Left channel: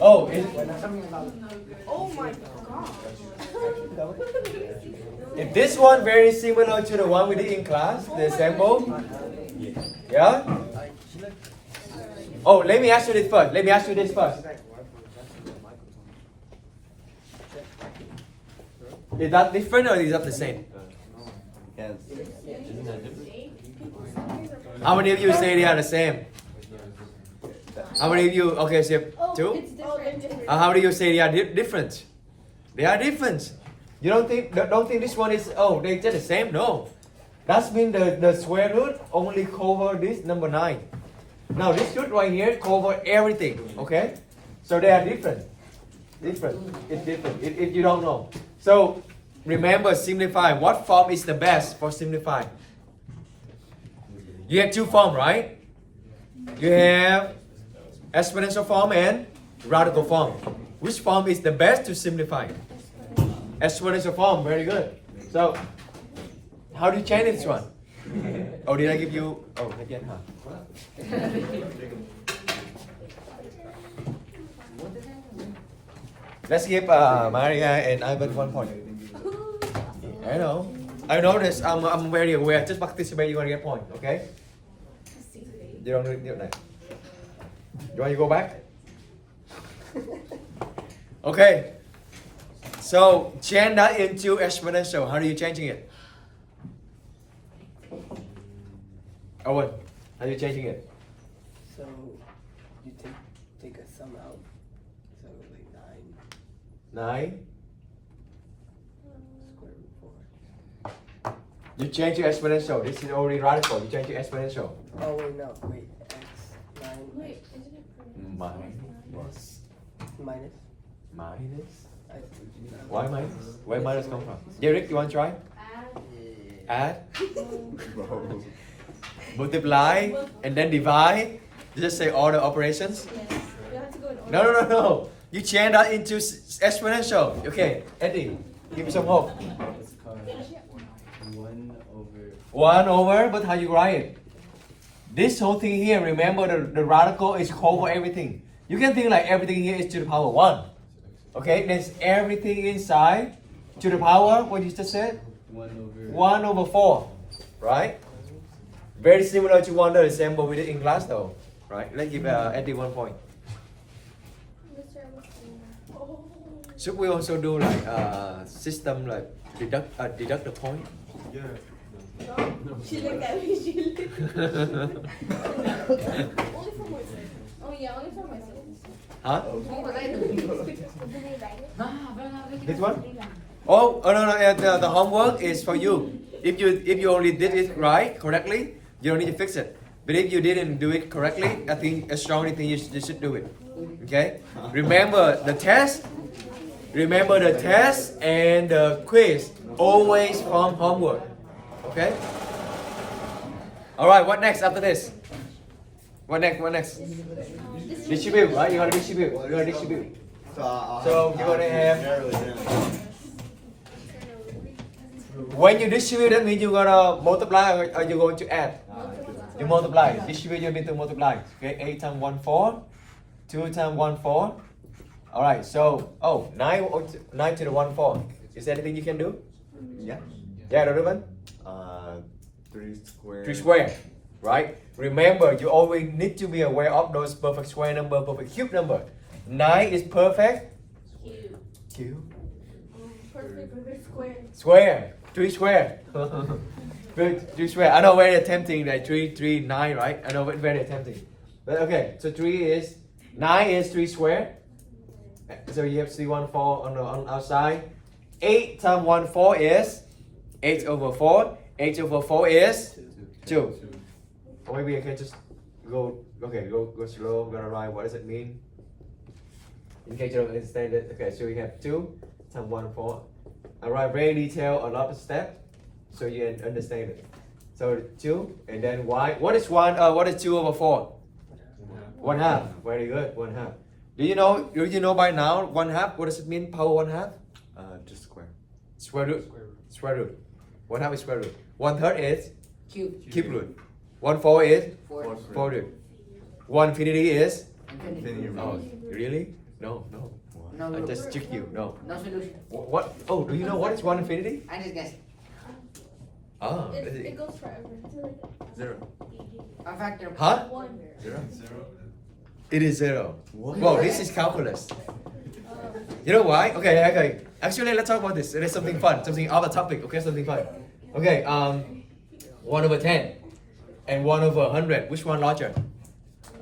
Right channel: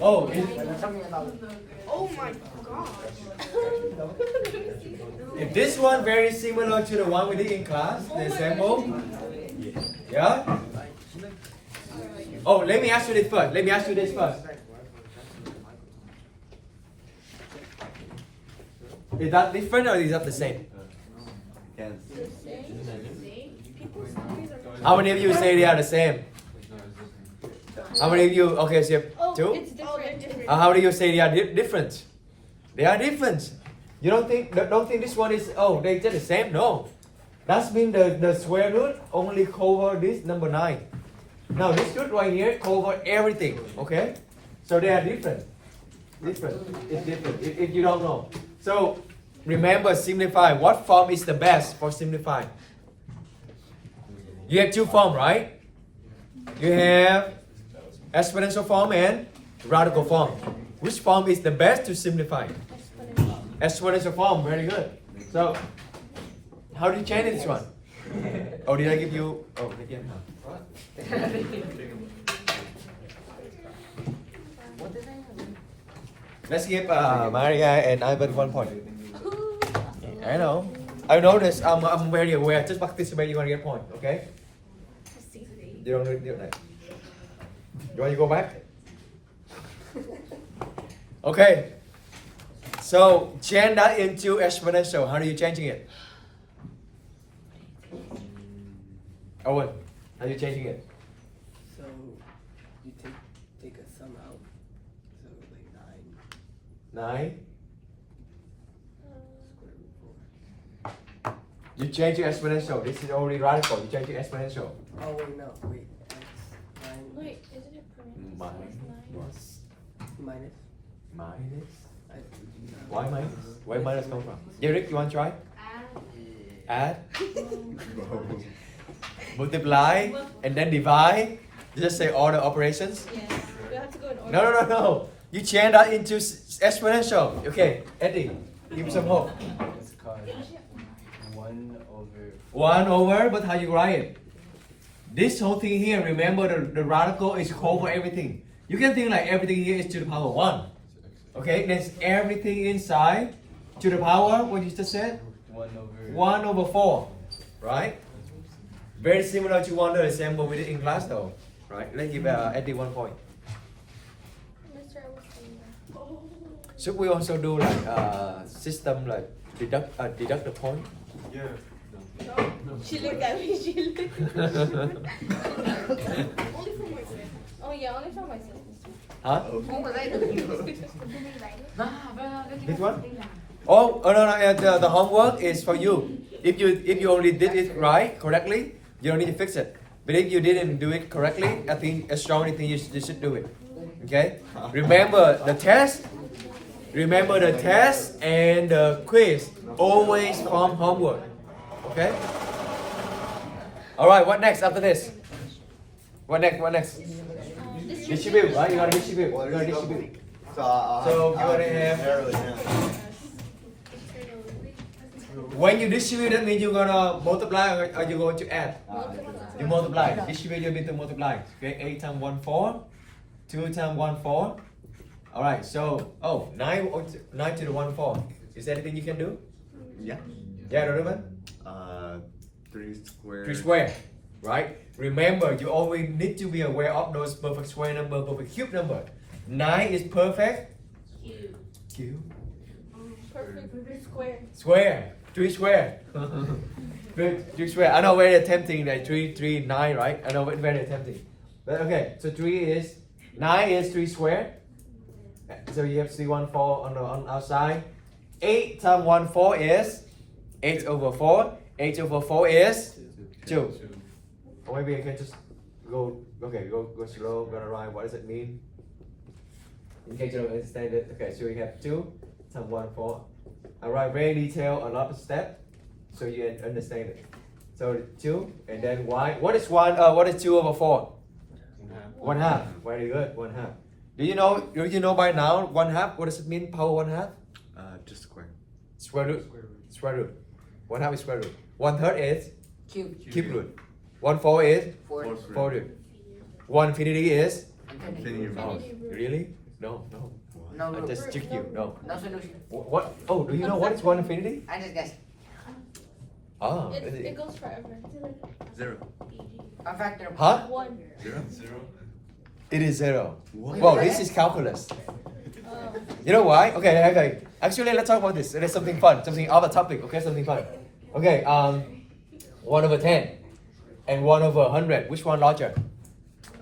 Oh, Oh my god. if this one very similar to the one we did in class, the example. Yeah? Oh, let me ask you this first. Let me ask you this first. Is that different or is that the same? Yes. How many of you say they are the same? How many of you? Okay, so two. It's different. How many of you say they are different? They are different. You don't think this one is they just the same? No. That means the square root only cover this number 9. Now this root right here cover everything. Okay, so they are different. Different. It's different. If you don't know. So remember, simplify. What form is the best for simplify? You have two forms, right? You have exponential form and radical form. Which form is the best to simplify? Exponential form. Very good. So, how do you change this one? Oh, did I give you? Oh, again, huh? Let's give Maria and Ivan 1 point. I know. I know this. I'm very aware. Just participate, you're gonna get point. Okay? You don't need that. You want to go back? Okay. So change that into exponential. How are you changing it? Owen, how are you changing it? So you take a sum out. So like 9. square root 4. You change your exponential. This is already radical. You change your exponential. Oh wait, no, wait. X 9 Wait, isn't it parentheses? Minus. minus. Minus. I, Why minus? Where minus come from? Derek, you want to try? Add. Multiply. And then divide. You just say all the operations. Yes. We have to go in order. No. You change that into exponential. Okay, Eddie, give me some hope. It's called 1 over. 1 over, but how you write it? This whole thing here, remember the radical is over everything. You can think like everything here is to the power 1. Okay, there's everything inside to the power, what you just said? 1 over 4. Right? Very similar to one of the example we did in class though. Right? Let's give Eddie 1 point. Mr. I was saying that. Should we also do like system like deduct the point? Yeah. She looked at me. She looked. Only for myself. Oh yeah, only for myself. Huh? Did This one? Oh no, the homework is for you. If you only did it correctly, you don't need to fix it. But if you didn't do it correctly, I strongly think you should do it. Okay? Remember the test and the quiz always from homework. Okay? Alright, what next after this? What next? Distribute, right? You gotta distribute. So you're gonna have. When you distribute, that means you're gonna multiply or you're going to add. You multiply. Distribute, you mean to multiply. Okay, 8 times 1, 4. 2 times 1, 4. Alright, so 9 to the 1, 4. Is there anything you can do? Yeah. Yeah, Donovan? 3 squared. 3 square, right? Remember, you always need to be aware of those perfect square number, perfect cube number. 9 is perfect. Cube. Perfect square. Square. 3 square. Good. 3 square. I know very tempting like 3, 9, right? I know very tempting. But okay, so 9 is 3 square. So you have 3, 1, 4 on outside. 8 times 1, 4 is 8 over 4. 8 over 4 is 2. Or maybe I can just go slow. I'm gonna write what does it mean. In case you don't understand it. Okay, so we have 2 times 1, 4. I write very detailed, a lot of steps, so you understand it. So 2 and then y. What is 2 over 4? 1/2. Very good. 1/2. Do you know by now 1/2? What does it mean? Power 1/2? Just square. Square root. 1/2 is square root. 1/3 is cube root. 1/4 is 4 root. 1 infinity is? Infinity Oh, root. really? No, no. No, I no, just tricked you. No. no solution. What? Oh, do you know what is 1 infinity? I just guess. Ah, It goes forever. 0. A factor. huh? 1. 0. It is 0. What? Whoa, this is calculus. You know why? Okay. Actually, let's talk about this. There's something fun, something other topic. Okay, something fun. Okay, 1 over 10 and 1 over 100. Which one larger?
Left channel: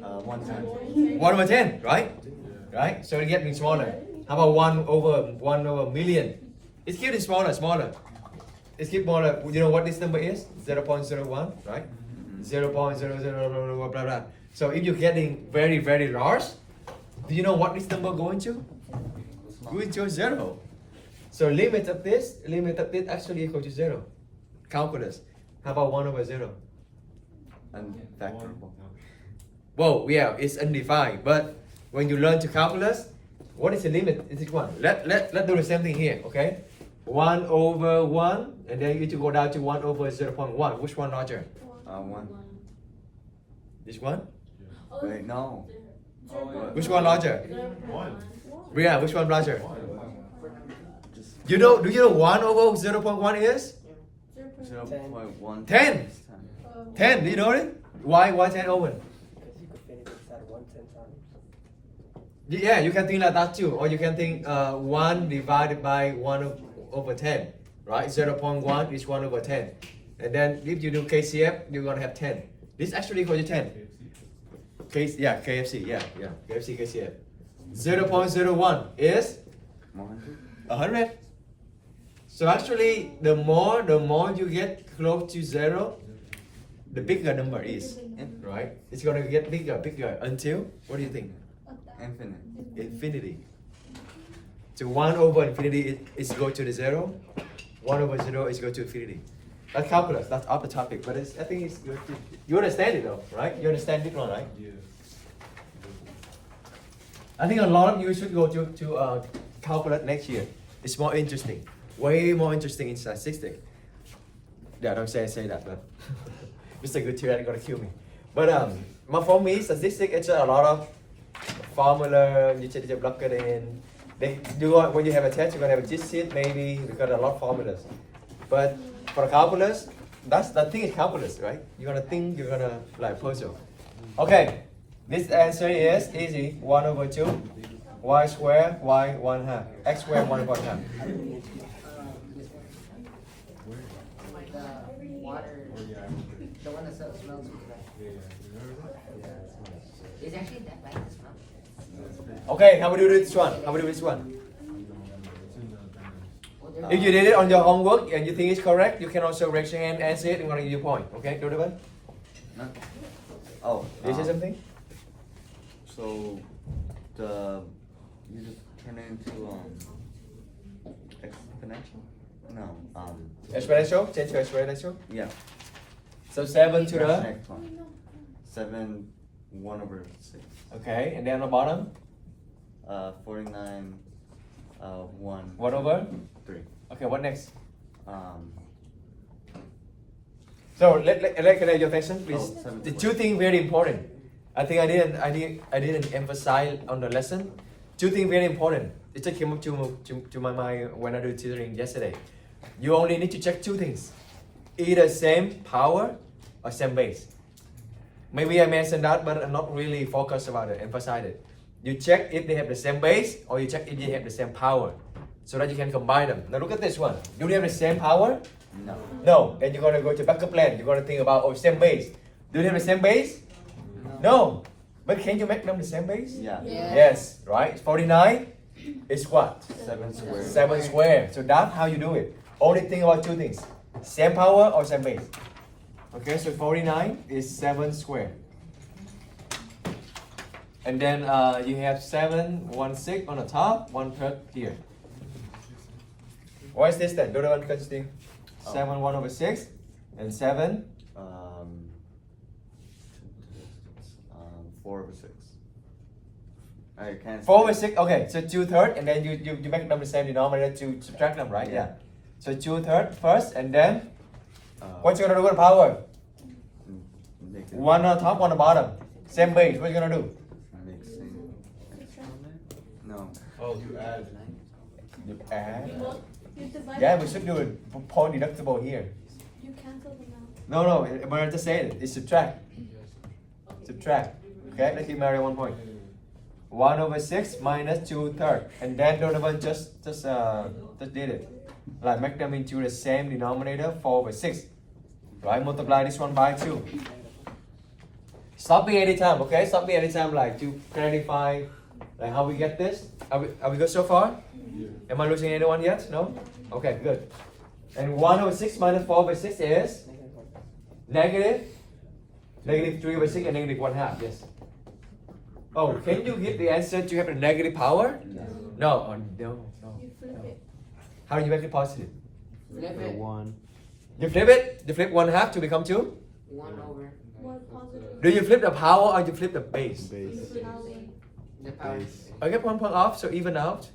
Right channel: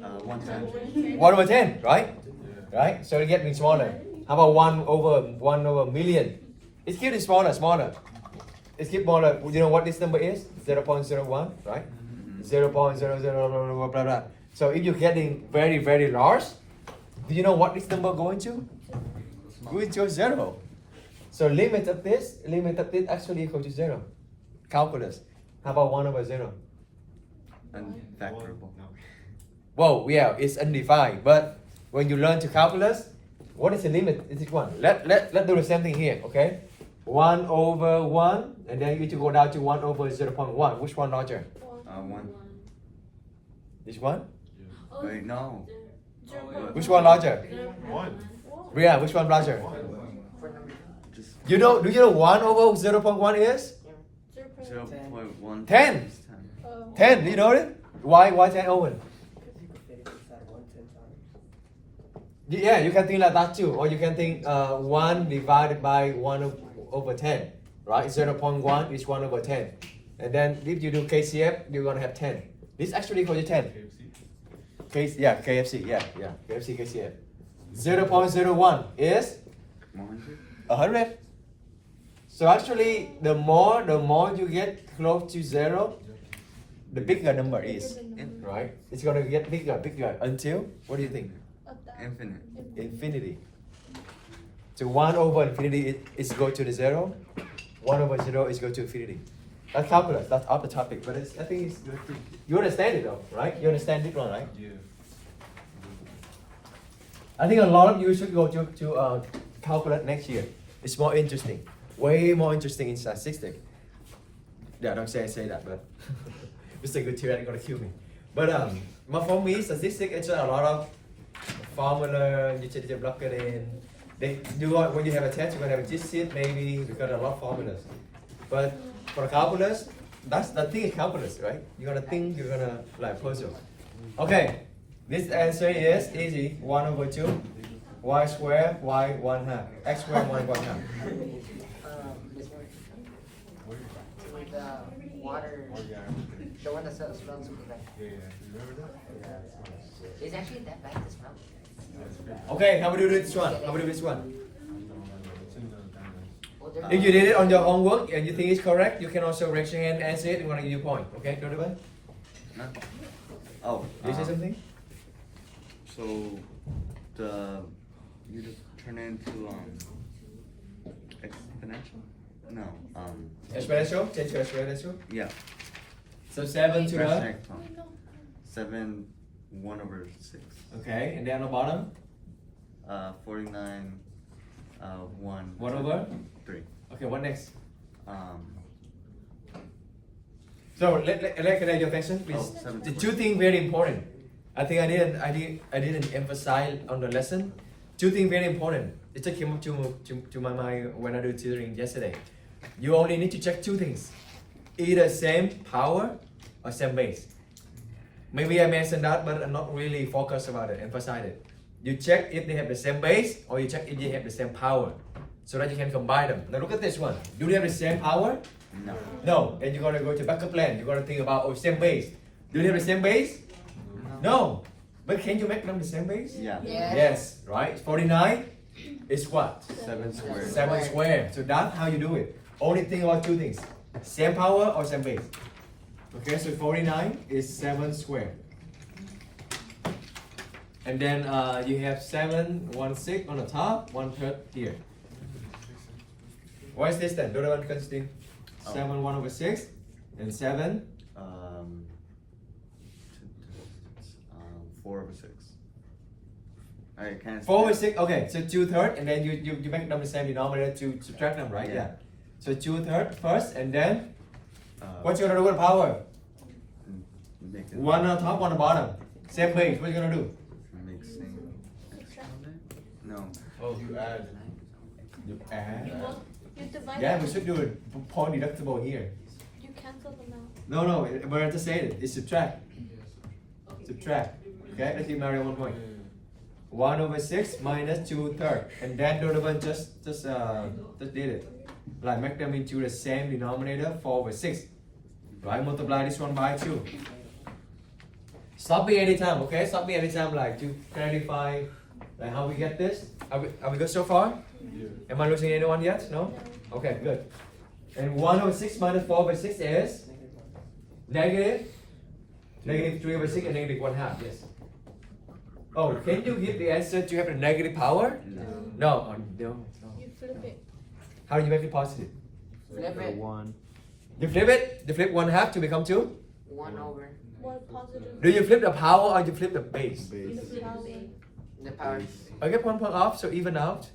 110. 1 over 10, right? Right. So it's getting smaller. How about 1 over million? It's getting smaller. It's getting smaller. You know what this number is? 0.01, right? 0.00 blah blah. So if you're getting very very large, do you know what this number going to? Going to 0. So limit of this actually equal to 0. Calculus. How about 1 over 0? Unfactorable. Whoa, yeah, it's undefined. But when you learn to calculus, what is the limit? Is it 1? Let's do the same thing here, okay? 1 over 1, and then you need to go down to 1 over 0.1. Which one larger? 1. This one? Wait, no. Which one larger? 1. Yeah, which one larger? Just Do you know 1 over 0.1 is? 0.1. 10. 10, you know it? Why 10 over? Because you can fit it inside 1 10 times. Yeah, you can think like that too. Or you can think 1 divided by 1 over 10, right? 0.1 is 1 over 10. And then if you do KCF, you're going to have 10. This actually equals to 10. KFC, KFC, KCF. 0.01 is 100. 100. So actually, the more you get close to 0, the bigger number is, right? It's going to get bigger until, what do you think? Infinite. Infinity. So 1 over infinity is go to the 0. 1 over 0 is go to infinity. That's calculus. That's off the topic, but I think it's good. You understand it though, right? You understand it one, right? Yeah. I think a lot of you should go to calculus next year. It's more interesting, way more interesting in statistics. Yeah, don't say that, but Mr. Gutierrez gonna kill me. But for me, statistics it's a lot of formula. You just plug it in. Then when you have a test, you're gonna have a digit maybe. We got a lot of formulas. But for calculus, that's the thing is calculus, right? You're gonna think, you're gonna like puzzle. Okay, this answer is easy. 1 over 2, y squared, y 1/2, x squared 1 over 1/2. This one. The water. The one that smells good. It's actually that bad to smell. Okay, how about do this one? How about do this one? Oh, If you did it on your homework and you think it's correct, you can also raise your hand and answer it and give you a point. Okay, do the one. No. Oh. Did you say something? So you just turn it into exponential? No. Exponential, change to exponential. Yeah. So 7 to That's the. next one. 7 1 over 6. Okay, and then on the bottom, 49 1 1 over. 3. Okay, what next? Um. So let your attention, please. Oh, 7. The two things very important. I think I didn't emphasize on the lesson. Two things very important. It just came up to my mind when I did tutoring yesterday. You only need to check two things: either same power or same base. Maybe I mentioned that, but I'm not really focused about it, emphasize it. You check if they have the same base, or you check if they have the same power, so that you can combine them. Now look at this one. Do they have the same power? No. No. And you're gonna go to backup plan. You're gonna think about same base. Do they have the same base? No. But can you make them the same base? Yeah. Yeah. Yes. Right. 49 is what? 7 squared. 7 squared. So that's how you do it. Only think about two things: same power or same base. Okay. So 49 is 7 squared. And then you have 7 1/6 on the top, 1/3 here. What is this then? Do the one constant? 7 1 over 6 and 7 4 over 6. I can't. 4 over 6. Okay, so 2/3 and then you make them the same denominator to subtract them, right? Yeah. So 2/3 first and then Uh, what you gonna do with the power? make it- 1 on top, 1 on the bottom. Same base. What you gonna do? Mixing. No. Oh, you add. You add. You divide. Yeah, we should do it. Point deductible here. You cancel them out. No, but I just said it. It's subtract. Subtract. Okay, let's give Mary 1 point. 1/6 minus 2/3. And then Donovan just did it. Like make them into the same denominator, 4/6. Right, multiply this one by 2. Stop me anytime, okay? Stop me anytime, like to clarify like how we get this. Are we good so far? Am I losing anyone yet? No? Okay, good. And 1/6 minus 4/6 is negative 3/6 and negative 1/2. Yes. Oh, can you get the answer to have a negative power? No. No. Oh, no. You flip it. How do you make it positive? Flip it. 1. You flip it. You flip 1/2 to become 2. 1 over More positive. Do you flip the power or you flip the base? Base. The power. the power. I get 1 point off, so even out.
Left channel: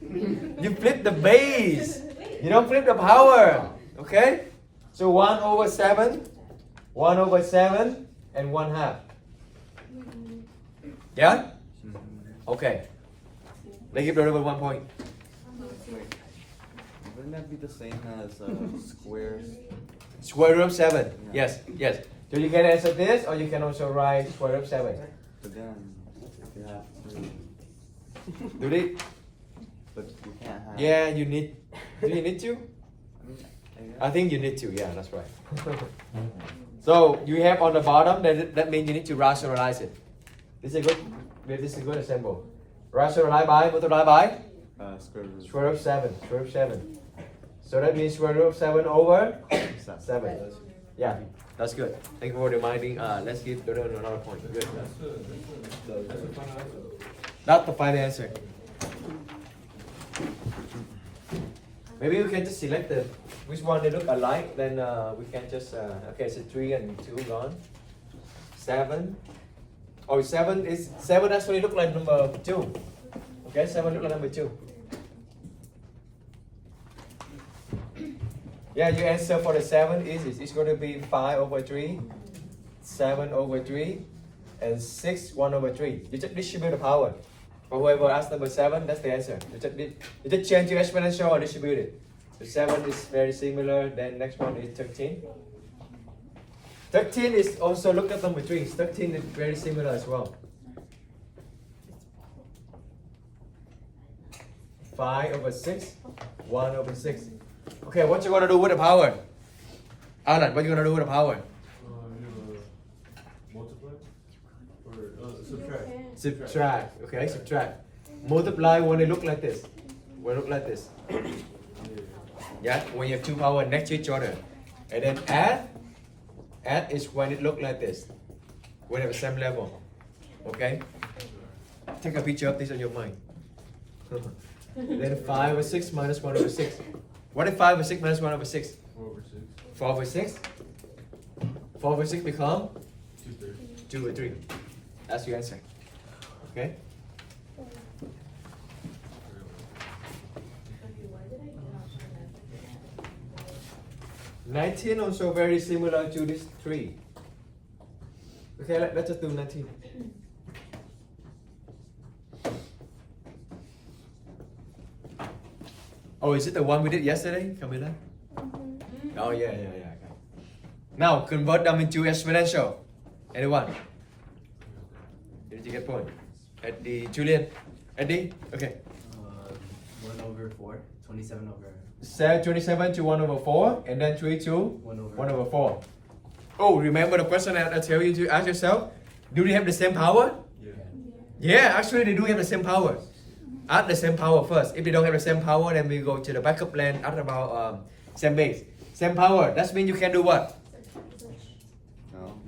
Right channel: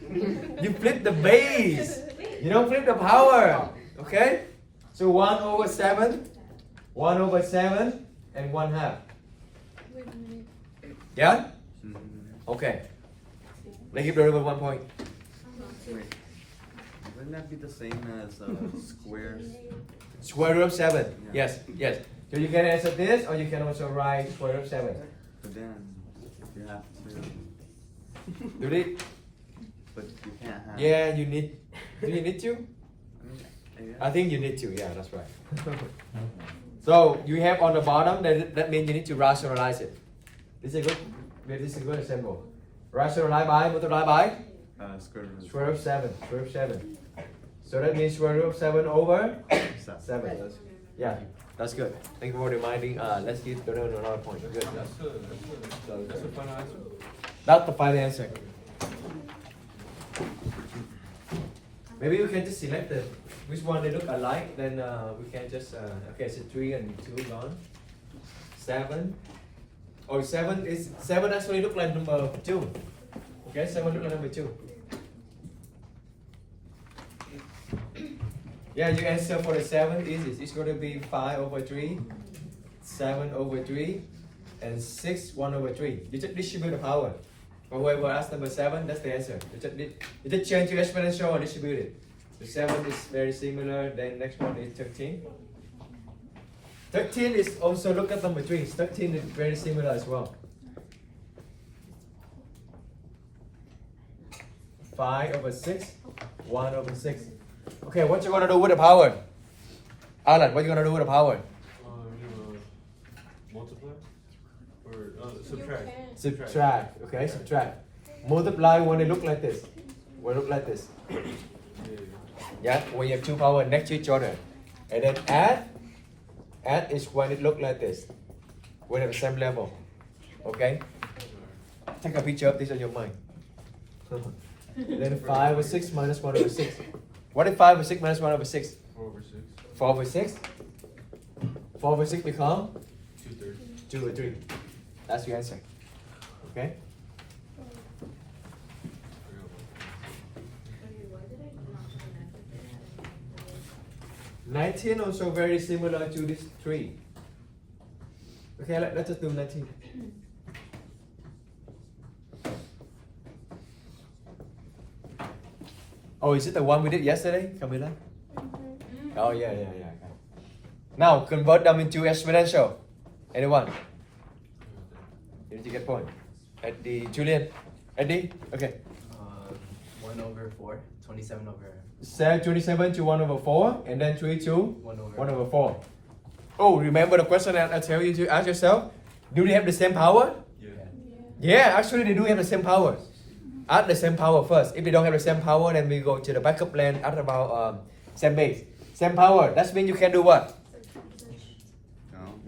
You flip the base. You don't flip the power. Okay? So 1/7, 1/7, and 1/2. Wait a minute. Yeah? Mhm. Okay. Let's give the other 1 point. Wouldn't that be the same as squares? Square root of 7. Yeah. Yes. So you can answer this, or you can also write square root of 7. But then you have to. Do it. But you can't have. Yeah, you need. Do you need to? I guess. I think you need to. Yeah, that's right. So you have on the bottom. That means you need to rationalize it. This is a good example. Rationalize by, multiply by Square root. square root of 7. Square root of 7. So that means square root of 7 over 7. Yeah, that's good. Thank you for reminding. Let's give Donovan another point. Good. That's the final answer. Maybe you can just select which one they look alike. Then we can just okay. So 3 and 2 gone. 7. Oh, 7 actually look like number 2. Okay, 7 look like number 2. Yeah, your answer for the 7 is it's going to be 5/3, 7/3, and 6 1/3. You just distribute the power. But whoever asked number 7, that's the answer. You just change your exponential or distribute it. The 7 is very similar. Then next one is 13. 13 is also look at number 3. 13 is very similar as well. 5/6, 1/6. Okay, what you gonna do with the power? Alan, what you gonna do with the power? Multiply or You subtract. can. Subtract. Okay, subtract. Multiply when it look like this. When it look like this. Yeah, when you have two power next to each other. And then add. Add is when it look like this. When at the same level. Okay? Take a picture of this on your mind. And then 5/6 minus 1/6. What is 5/6 minus 1/6? 4 over 6. 4/6. 4/6 become 2/3. 2/3. That's your answer. Okay? $19 also very similar to this 3. Okay, let's just do 19. Oh, is it the one we did yesterday, Camila? Oh, yeah. Okay. Now, convert them into exponential. Anyone? Did you get point? Eddie, Julian? Eddie? Okay. 1/4, 27/. Set 27 to 1/4, and then 3 to 1/4. 1/4. Oh, remember the question I tell you to ask yourself? Do they have the same power? Yeah, actually they do have the same power. Add the same power first. If they don't have the same power, then we go to the backup plan, add about same base. Same power. That means you can do what?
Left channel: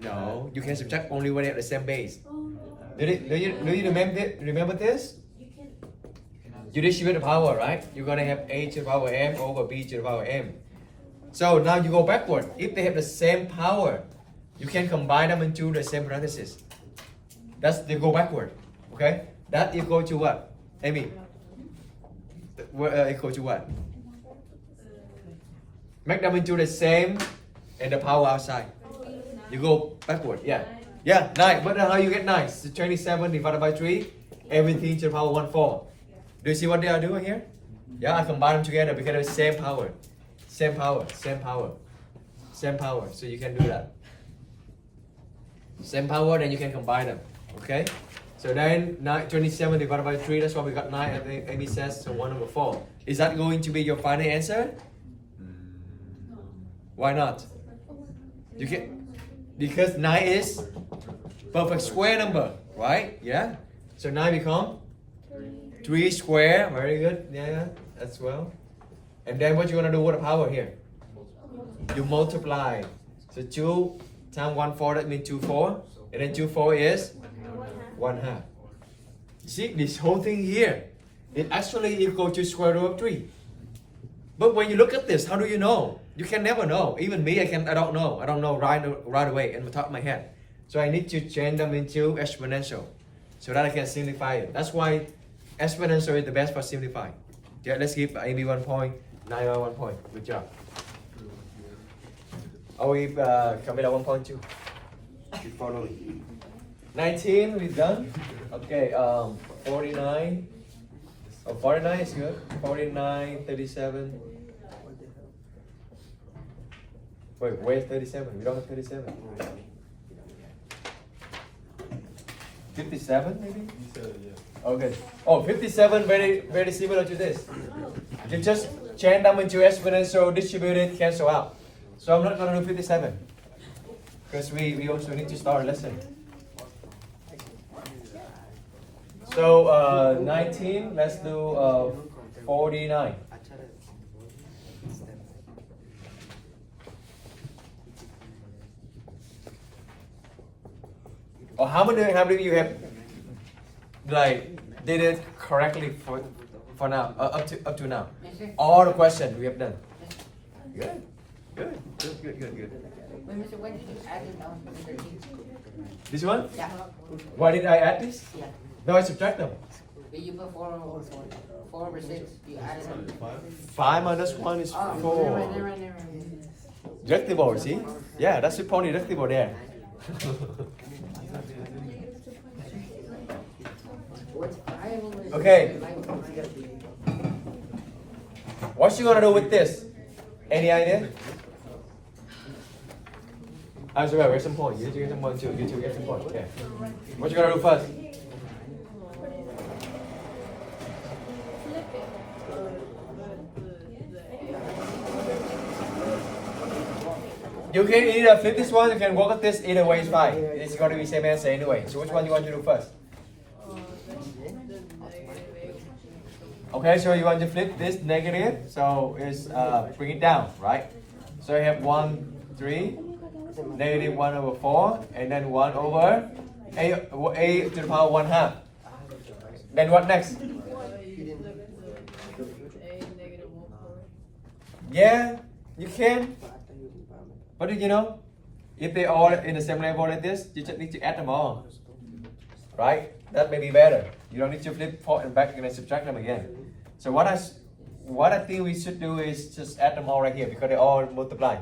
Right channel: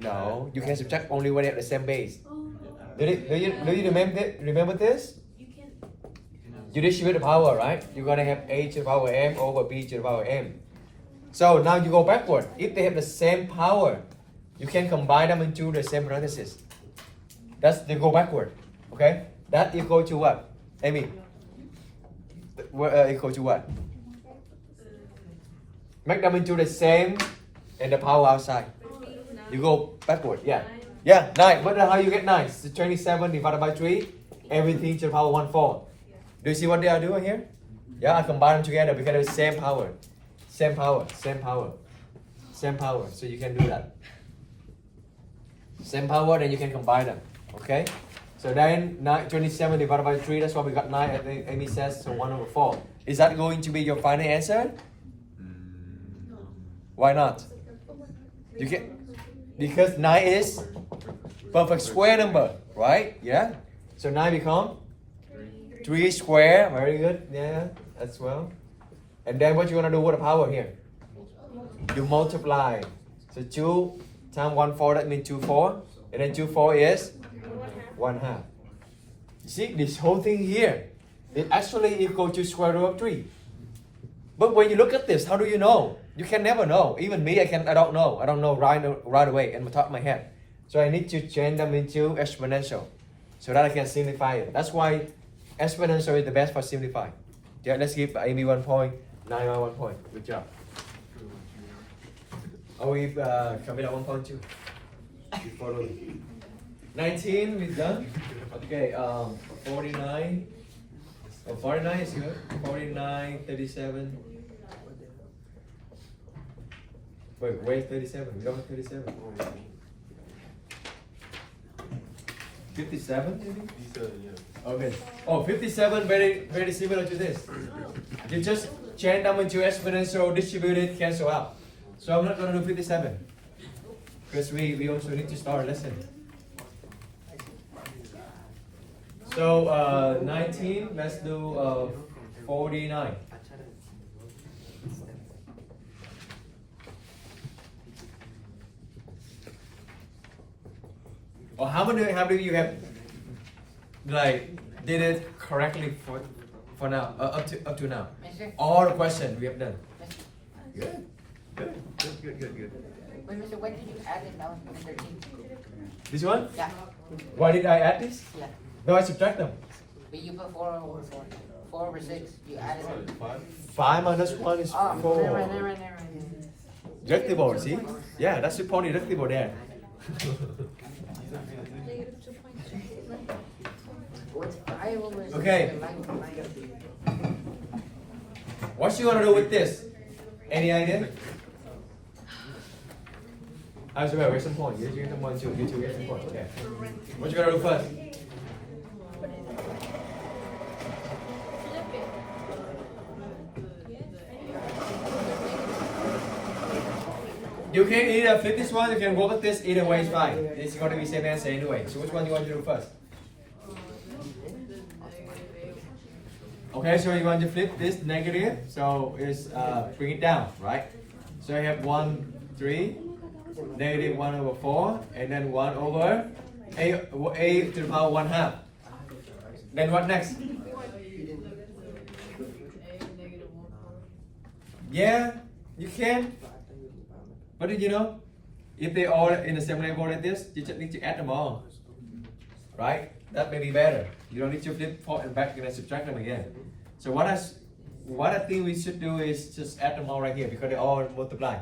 No, you can subtract only when they have the same base. Do you remember this? You distribute the power, right? You're gonna have a to the power m over b to the power m. So now you go backward. If they have the same power, you can combine them into the same parentheses. That's they go backward. Okay? That equal to what? Amy? Equal to what? Make them into the same and the power outside. You go backward, yeah. Yeah, 9. But how you get 9? So 27 divided by 3. Everything to the power 1 4. Do you see what they are doing here? Yeah, I combine them together because it's same power. Same power. Same power. Same power. So you can do that. Same power, then you can combine them. Okay? So then 27 divided by 3, that's why we got 9. I think Amy says so 1 over 4. Is that going to be your final answer? Why not? You can, because 9 is perfect square number, right? Yeah. So 9 become 3 square. Very good. Yeah, as well. And then what you gonna do with the power here? You multiply. So 2 times 1 4, that means 2 4. And then 2 4 is 1 half. See this whole thing here, it actually equal to square root of 3. But when you look at this, how do you know? You can never know. Even me, I don't know. I don't know right away in the top of my head. So I need to change them into exponential so that I can simplify it. That's why exponential is the best for simplify. Yeah, let's give Amy 1 point, Naima 1 point. Good job. I'll give Camila 1 point too. You follow. 19, we done. Okay, 49. Oh, 49 is good. 49, 37. Wait, where's 37? We don't have 37. 57 maybe? You said yeah. Okay. Oh, 57 very similar to this. You just change them into exponential, distributed, cancel out. So I'm not gonna do 57. Because we also need to start a lesson. So 19, let's do 49. Or how many you have like did it correctly for now up to now? All the questions we have done. Good. Wait, Mr. When did you add it down to the T? This one? Yeah. Why did I add this? Yeah. No, I subtract them. But you put 4 over 4. 4 over 6. You added it. 5 minus 1 is Oh, 4. never mind. Deductible, see? Yeah, that's the point deductible there. Okay. What you gonna do with this? Any idea? I'm sorry, where's some point? You get some point too. You two get some point. Okay. What you gonna do first? Flip it. You can either flip this one, you can work at this, either way is fine. It's gonna be same answer anyway. So which one do you want to do first? Okay, so you want to flip this negative, so it's bring it down, right? So you have 1, 3, negative 1 over 4, and then 1 over a to the power 1 half. Then what next? Yeah, you can. But did you know? If they all in the same level like this, you just need to add them all. Right? That may be better. You don't need to flip forward and back and then subtract them again. So what I think we should do is just add them all right here because they all multiply.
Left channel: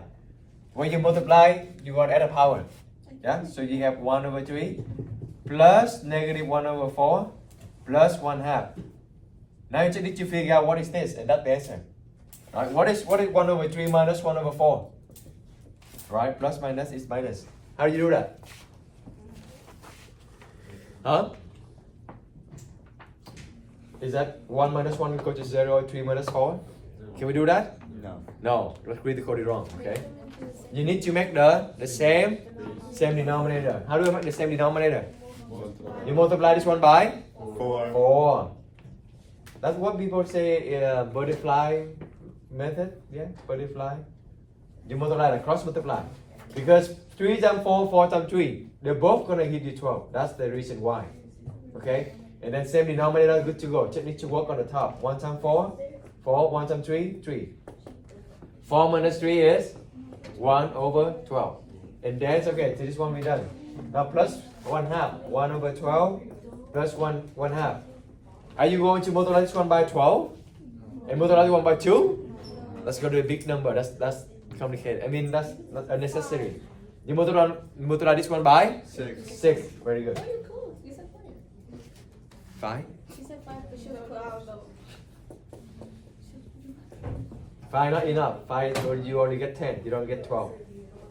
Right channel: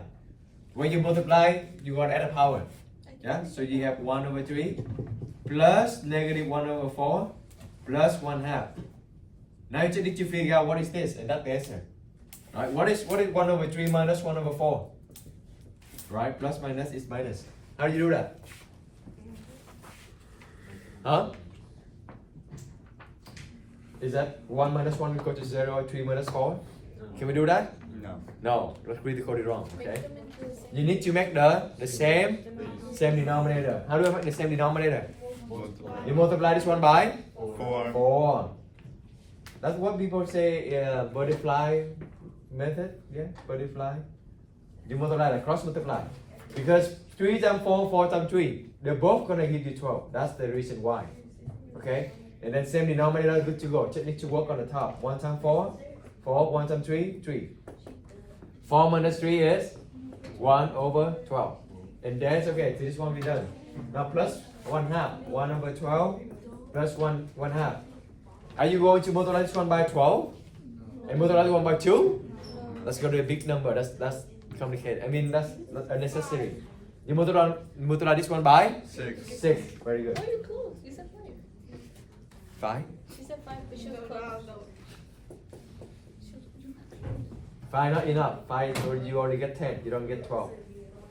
When you multiply, you got to add a power. Yeah? So you have 1 over 3 plus negative 1 over 4 plus 1 half. Now you just need to figure out what is this, and that's the answer. Right? What is 1 over 3 minus 1 over 4? Right? Plus minus is minus. How do you do that? Huh? Is that 1 minus 1 equal to 0, 3 minus 4? Can we do that? No. No, let's read the code wrong, okay? You need to make the same denominator. How do I make the same denominator? You multiply this one by 4. That's what people say butterfly method. Yeah, butterfly. You multiply, like cross multiply. Because 3 times 4, 4 times 3, they're both gonna give you 12. That's the reason why. Okay? And then same denominator, good to go. Just need to work on the top. 1 times 4, 4, 1 times 3, 3. 4 minus 3 is 1 over 12. And that's okay, so this one we done. Now plus 1 half. 1 over 12 plus 1 half. Are you going to multiply this one by 12? And multiply this one by 2? Let's go to a big number. That's complicated. I mean, that's not unnecessary. You multiply this one by 6. Very good. Oh, you're close. You said 5. 5. She said 5, but she was close. 5 not enough. 5 or you only get 10. You don't get 12.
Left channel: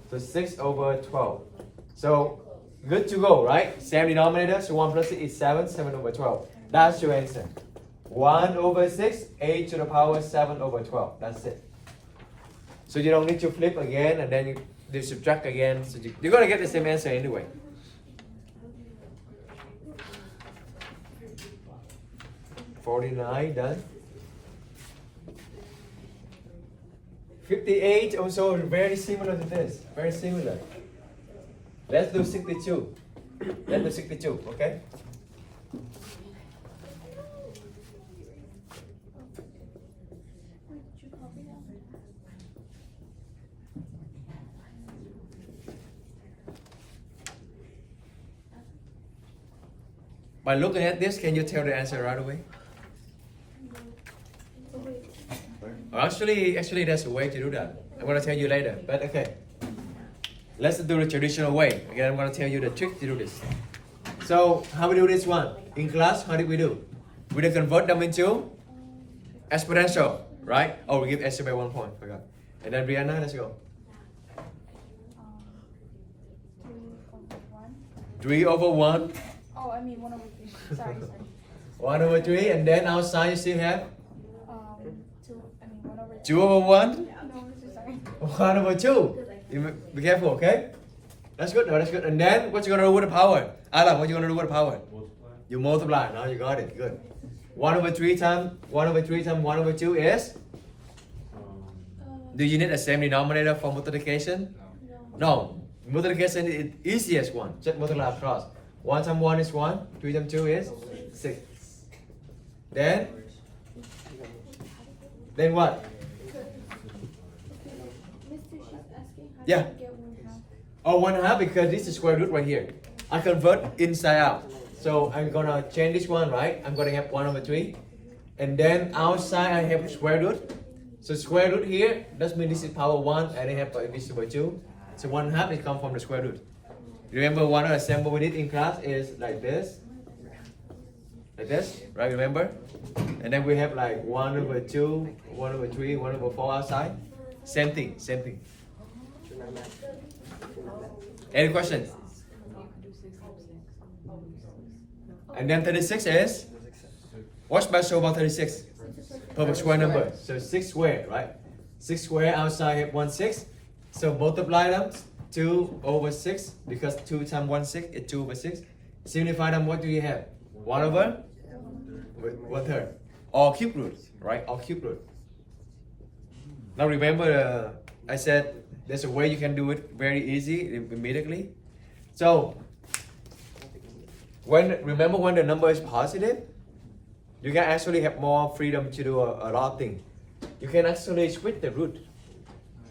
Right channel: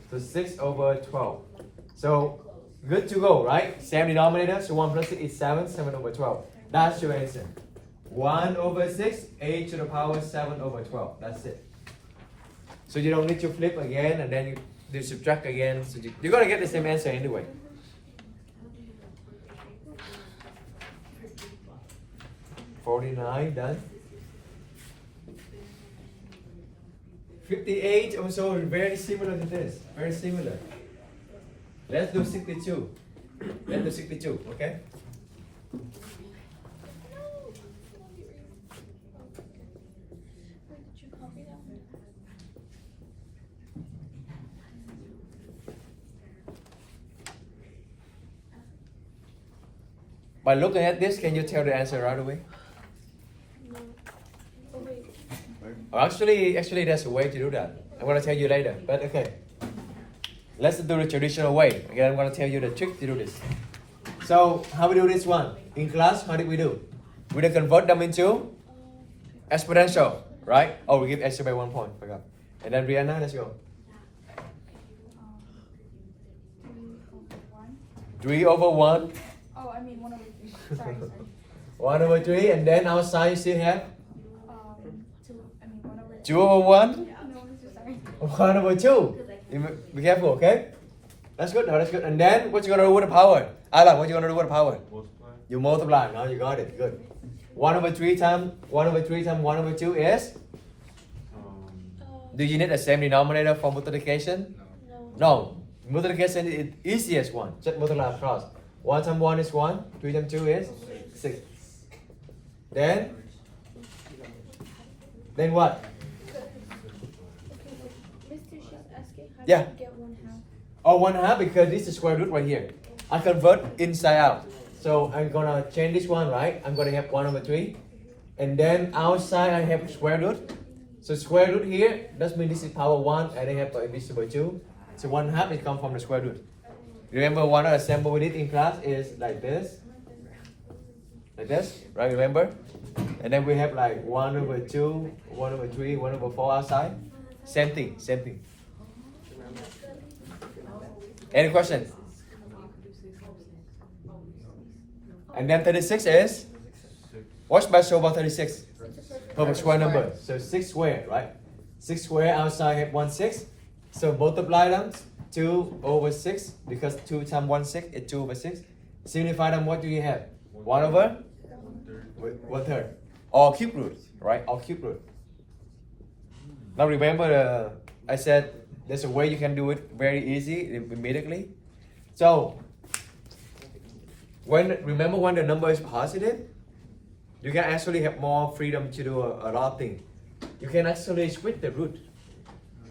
So 6 over 12. So good to go, right? Same denominator. So 1 plus 6 is 7. 7 over 12. That's your answer. 1 over 6, 8 to the power 7 over 12. That's it. So you don't need to flip again and then you subtract again. So you're going to get the same answer anyway. $49 done. 58 also very similar to this. Very similar. Let's do 62. Let's do 62, okay? Where did you copy that? By looking at this, can you tell the answer right away? No. Oh, wait. Actually, there's a way to do that. I'm gonna tell you later. But okay, let's do the traditional way. Again, I'm gonna tell you the trick to do this. So, how we do this one? In class, how did we do? We did convert them into exponential, right? Oh, we give extra by 1 point. Forgot. And then Brianna, let's go. 3 over 1. Oh, I mean 1 over 3. Sorry. 1 over 3, and then outside you still have 2. I mean 1 over 2. 2 over 1. Yeah, no, it's sorry. 1 over 2. Be careful, okay? That's good. No, that's good. And then what you gonna do with the power? Alan, what you gonna do with the power? Multiply. You multiply. No, you got it. Good. 1 over 3 times 1 over 3 times 1 over 2 is? Do you need the same denominator for multiplication? No. No. Multiplication is the easiest one. Just multiply across. 1 times 1 is 1. 3 times 2 is 6. Then what? Mister, she's asking how Yeah. do you get 1/2? Oh, 1/2 because this is square root right here. I convert inside out. So I'm gonna change this one, right? I'm gonna have 1 over 3. And then outside I have square root. So square root here, that means this is power 1 and I have this is by 2. So 1/2 is come from the square root. Remember one of the example we did in class is like this. Like this, right? Remember? And then we have like 1 over 2, 1 over 3, 1 over 4 outside. Same thing, same thing. Any questions? And then 36 is? What's special about 36? Perfect square number. So 6 square, right? 6 square outside have 1 6. So multiply them 2 over 6 because 2 times 1 6 is 2 over 6. Simplify them, what do you have? 1 over? 1/3. Or cube root, right? Or cube root. Now remember, I said there's a way you can do it very easy immediately. So remember when the number is positive, you can actually have more freedom to do a lot of things. You can actually switch the root.